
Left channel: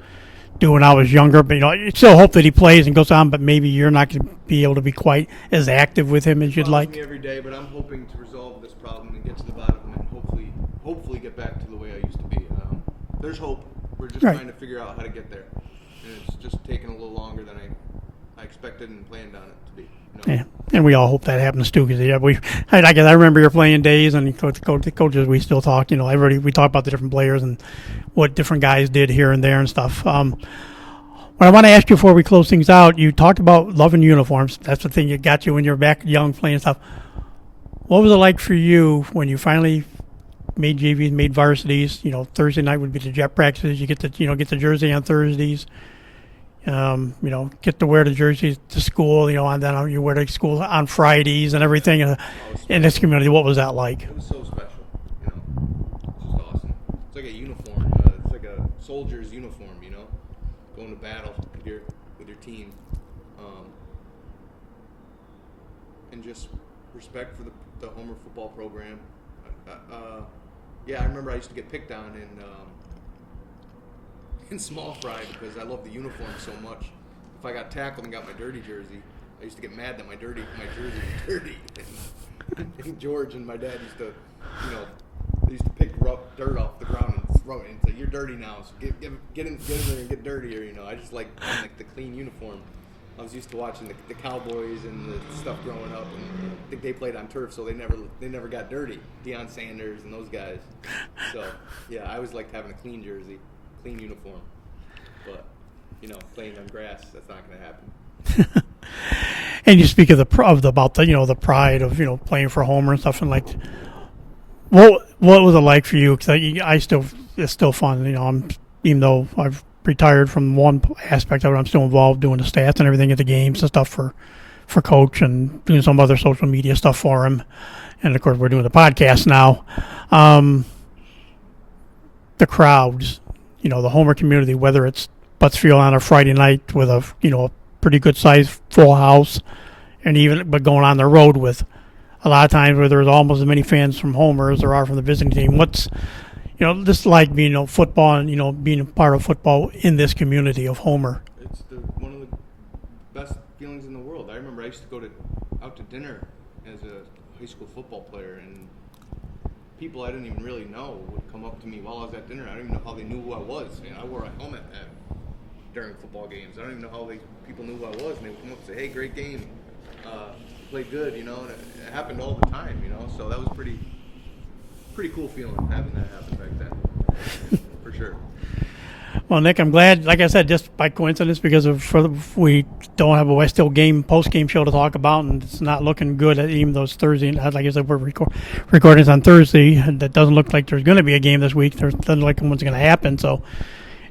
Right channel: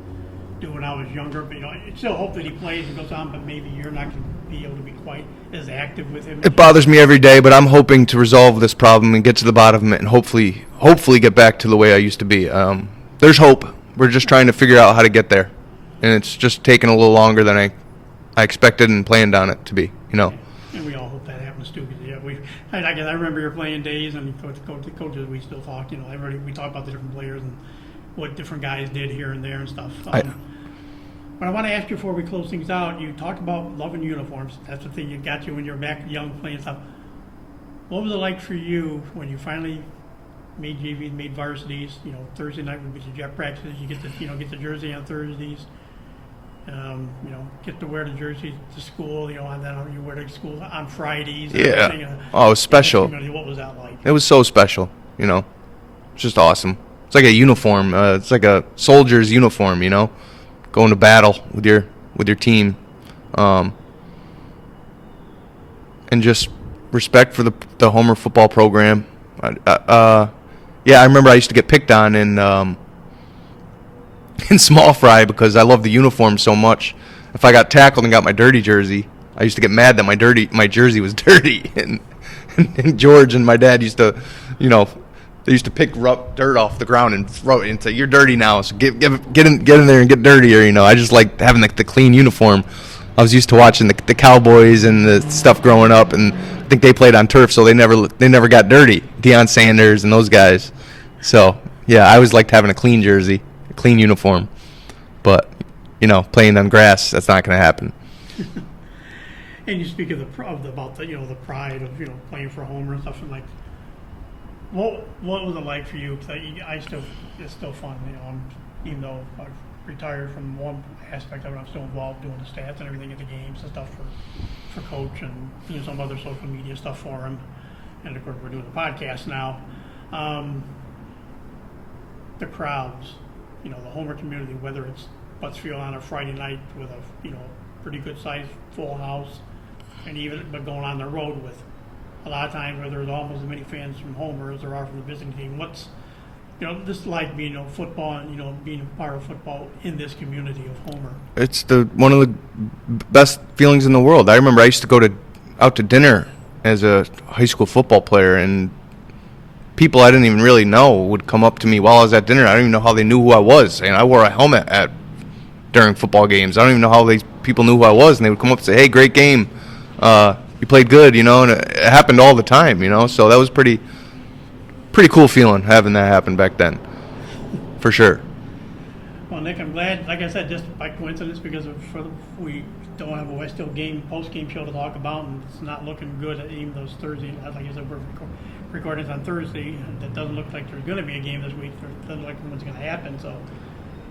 do when I was younger? But, you still hope that he plays and goes on, but maybe you're not going to be able to be quite as active with him. It bothers me every day, but I'm hoping to resolve this problem and get to the bottom of it and hopefully get back to the way I used to be. There's hope. We're just trying to figure out how to get there. And it's just taking a little longer than I expected and planned on it to be, Yeah. And we all hope that happens too, because I remember your playing days, and coaches we still talk. Everybody we talk about the different players and what different guys did here and there and stuff. What I want to ask you before we close things out, you talked about loving uniforms. That's the thing that got you when you were back young playing stuff. What was it like for you when you finally made JVs, made varsities? Thursday night would be the jet practices. You get to get the jersey on Thursdays. Get to wear the jerseys to school, and then you wear to school on Fridays and everything. It was special. In this community, what was that like? It was so special, It's just awesome. It's like a uniform. It's like a soldier's uniform, going to battle with your team. And just respect for the Homer football program. I remember I used to get picked on in small fry because I loved the uniform so much. If I got tackled and got my dirty jersey, I used to get mad that my jersey was dirty. And George and my dad used to, they used to pick dirt off the ground and throw it and say, "You're dirty now, so get in there and get dirtier." I just like having the clean uniform. I was used to watching the Cowboys and the stuff growing up, and I think they played on turf, so they never got dirty. Deion Sanders and those guys. So yeah, I always liked having a clean jersey, a clean uniform. But playing on grass, that's not going to happen. And you speak of the pride of playing for Homer and stuff, and like, what was it like for you? Because it's still fun. Even though I've retired from one aspect of it, I'm still involved doing the stats and everything at the games and stuff for Coach, and doing some other social media stuff for him. And of course, we're doing the podcast now. The crowds, the Homer community, whether it's Buttsfield on a Friday night with a pretty good sized full house, but going on the road with a lot of times where there's almost as many fans from Homer as there are from the visiting team. What's this like being football and being a part of football in this community of Homer? It's one of the best feelings in the world. I remember I used to go out to dinner as a high school football player, and people I didn't even really know would come up to me while I was at dinner. I don't even know how they knew who I was, and I wore a helmet during football games. I don't even know how these people knew who I was, and they would come up and say, "Hey, great game. You played good," and it happened all the time, So that was pretty cool feeling having that happen back then, for sure. Well, Nick, I'm glad, like I said, just by coincidence, because we don't have a West Hill game post-game show to talk about, and it's not looking good, even though it's Thursday. Like I said, we're recording this on Thursday, and it doesn't look like there's going to be a game this week. There doesn't look like one's going to happen, so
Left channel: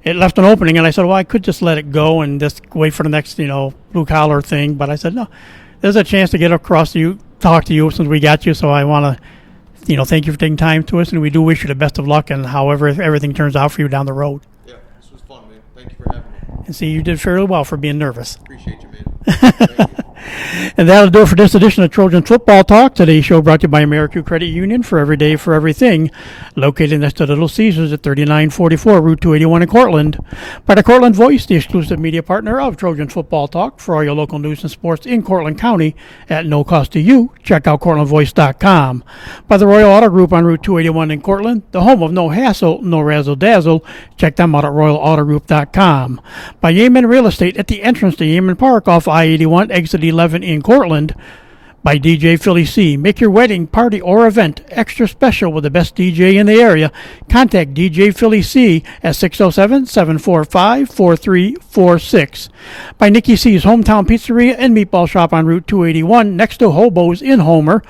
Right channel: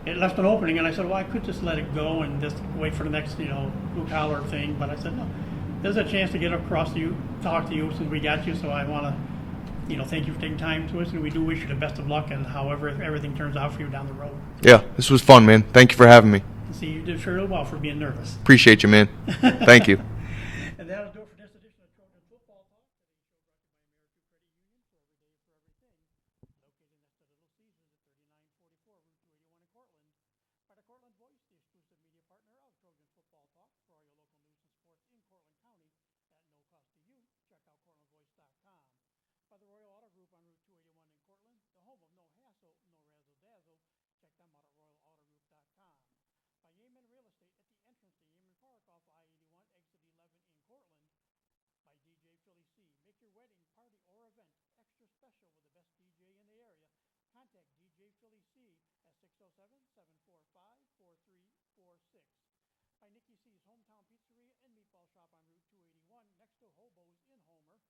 it left an opening, and I said, well, I could just let it go and just wait for the next, blue-collar thing, but I said, no, there's a chance to get across to you, talk to you since we got you, so I want to thank you for taking time to us, and we do wish you the best of luck and however everything turns out for you down the road. Yeah, this was fun, man. Thank you for having me. And see, you did fairly well for being nervous. Appreciate you, man. Thank you. And that'll do it for this edition of Trojan Football Talk. Today's show brought to you by AmeriCorps Credit Union, for every day, for everything. Located next to Little Caesars at 3944 Route 281 in Cortland. By the Cortland Voice, the exclusive media partner of Trojan Football Talk, for all your local news and sports in Cortland County at no cost to you. Check out CortlandVoice.com. By the Royal Auto Group on Route 281 in Cortland, the home of no hassle, no razzle-dazzle. Check them out at RoyalAutoGroup.com. By Yemen Real Estate at the entrance to Yemen Park off I-81, exit 11 in Cortland. By DJ Philly C. Make your wedding, party, or event extra special with the best DJ in the area. Contact DJ Philly C at 607-745-4346. By Nikki C's Hometown Pizzeria and Meatball Shop on Route 281 next to Hobo's in Homer.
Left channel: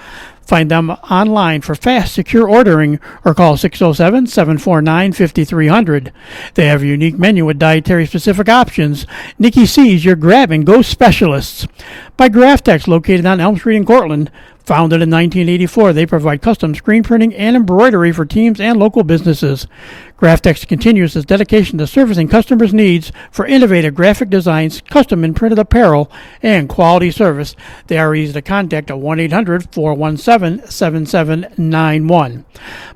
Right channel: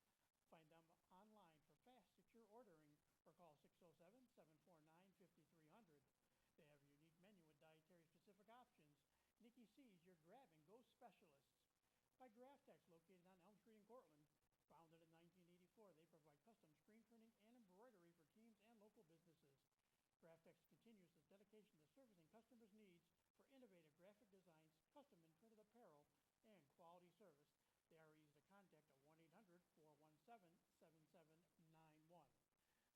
Find them online for fast, secure ordering or call 607-749-5300. They have a unique menu with dietary-specific options. Nikki C's your grab-and-go specialists. By Graftex, located on Elm Street in Cortland. Founded in 1984, they provide custom screen printing and embroidery for teams and local businesses. Graftex continues its dedication to servicing customers' needs for innovative graphic designs, custom and printed apparel, and quality service. They are easy to contact at 1-800-417-7791.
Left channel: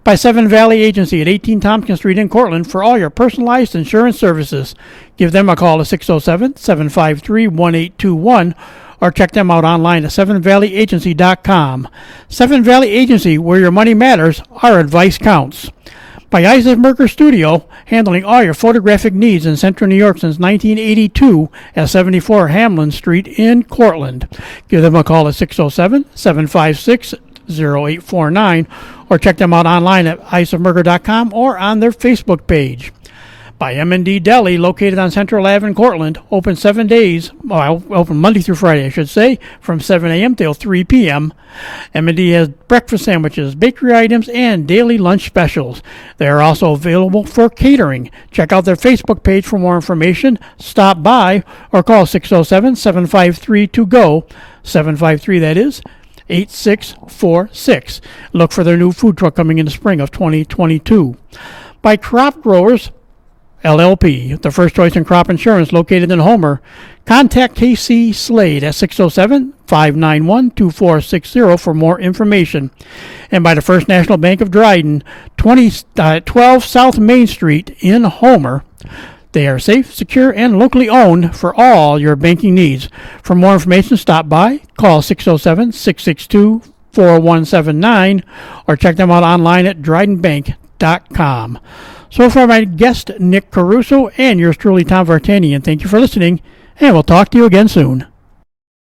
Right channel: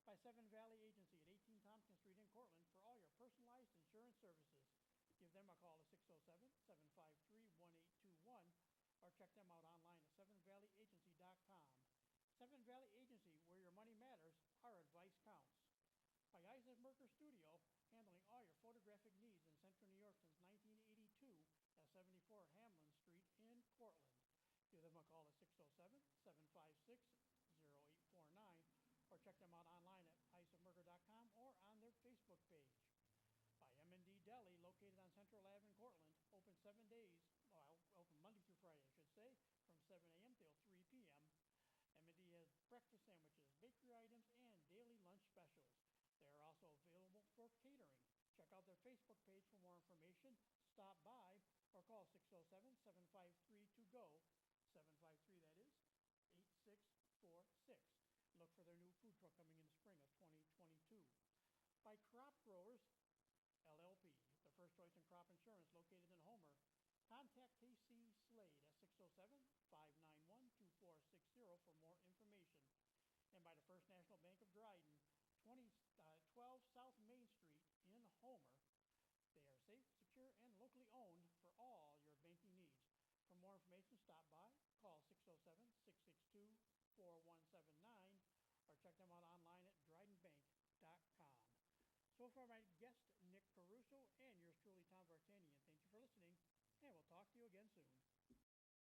By Seven Valley Agency at 18 Tompkins Street in Cortland for all your personalized insurance services. Give them a call at 607-753-1821 or check them out online at sevenvalleyagency.com. Seven Valley Agency, where your money matters, our advice counts. By Isaac Merker Studio, handling all your photographic needs in Central New York since 1982 at 74 Hamlin Street in Cortland. Give them a call at 607-756-0849 or check them out online at isaacmerker.com or on their Facebook page. By M&D Deli, located on Central Ave in Cortland, open 7 days, open Monday through Friday, I should say, from 7 a.m. till 3 p.m. M&D has breakfast sandwiches, bakery items, and daily lunch specials. They are also available for catering. Check out their Facebook page for more information, stop by, or call 607-753-TO-GO, 753 that is, 8646. Look for their new food truck coming in the spring of 2022. By Crop Growers LLP, the first choice in crop insurance located in Homer. Contact KC Slade at 607-591-2460 for more information. And by the First National Bank of Dryden, 12 South Main Street in Homer. They are safe, secure, and locally owned for all your banking needs. For more information, stop by, call 607-662-4179, or check them out online at drydenbank.com. So for my guest, Nick Caruso, and yours truly, Tom Vartanian, thank you for listening, and we'll talk to you again soon.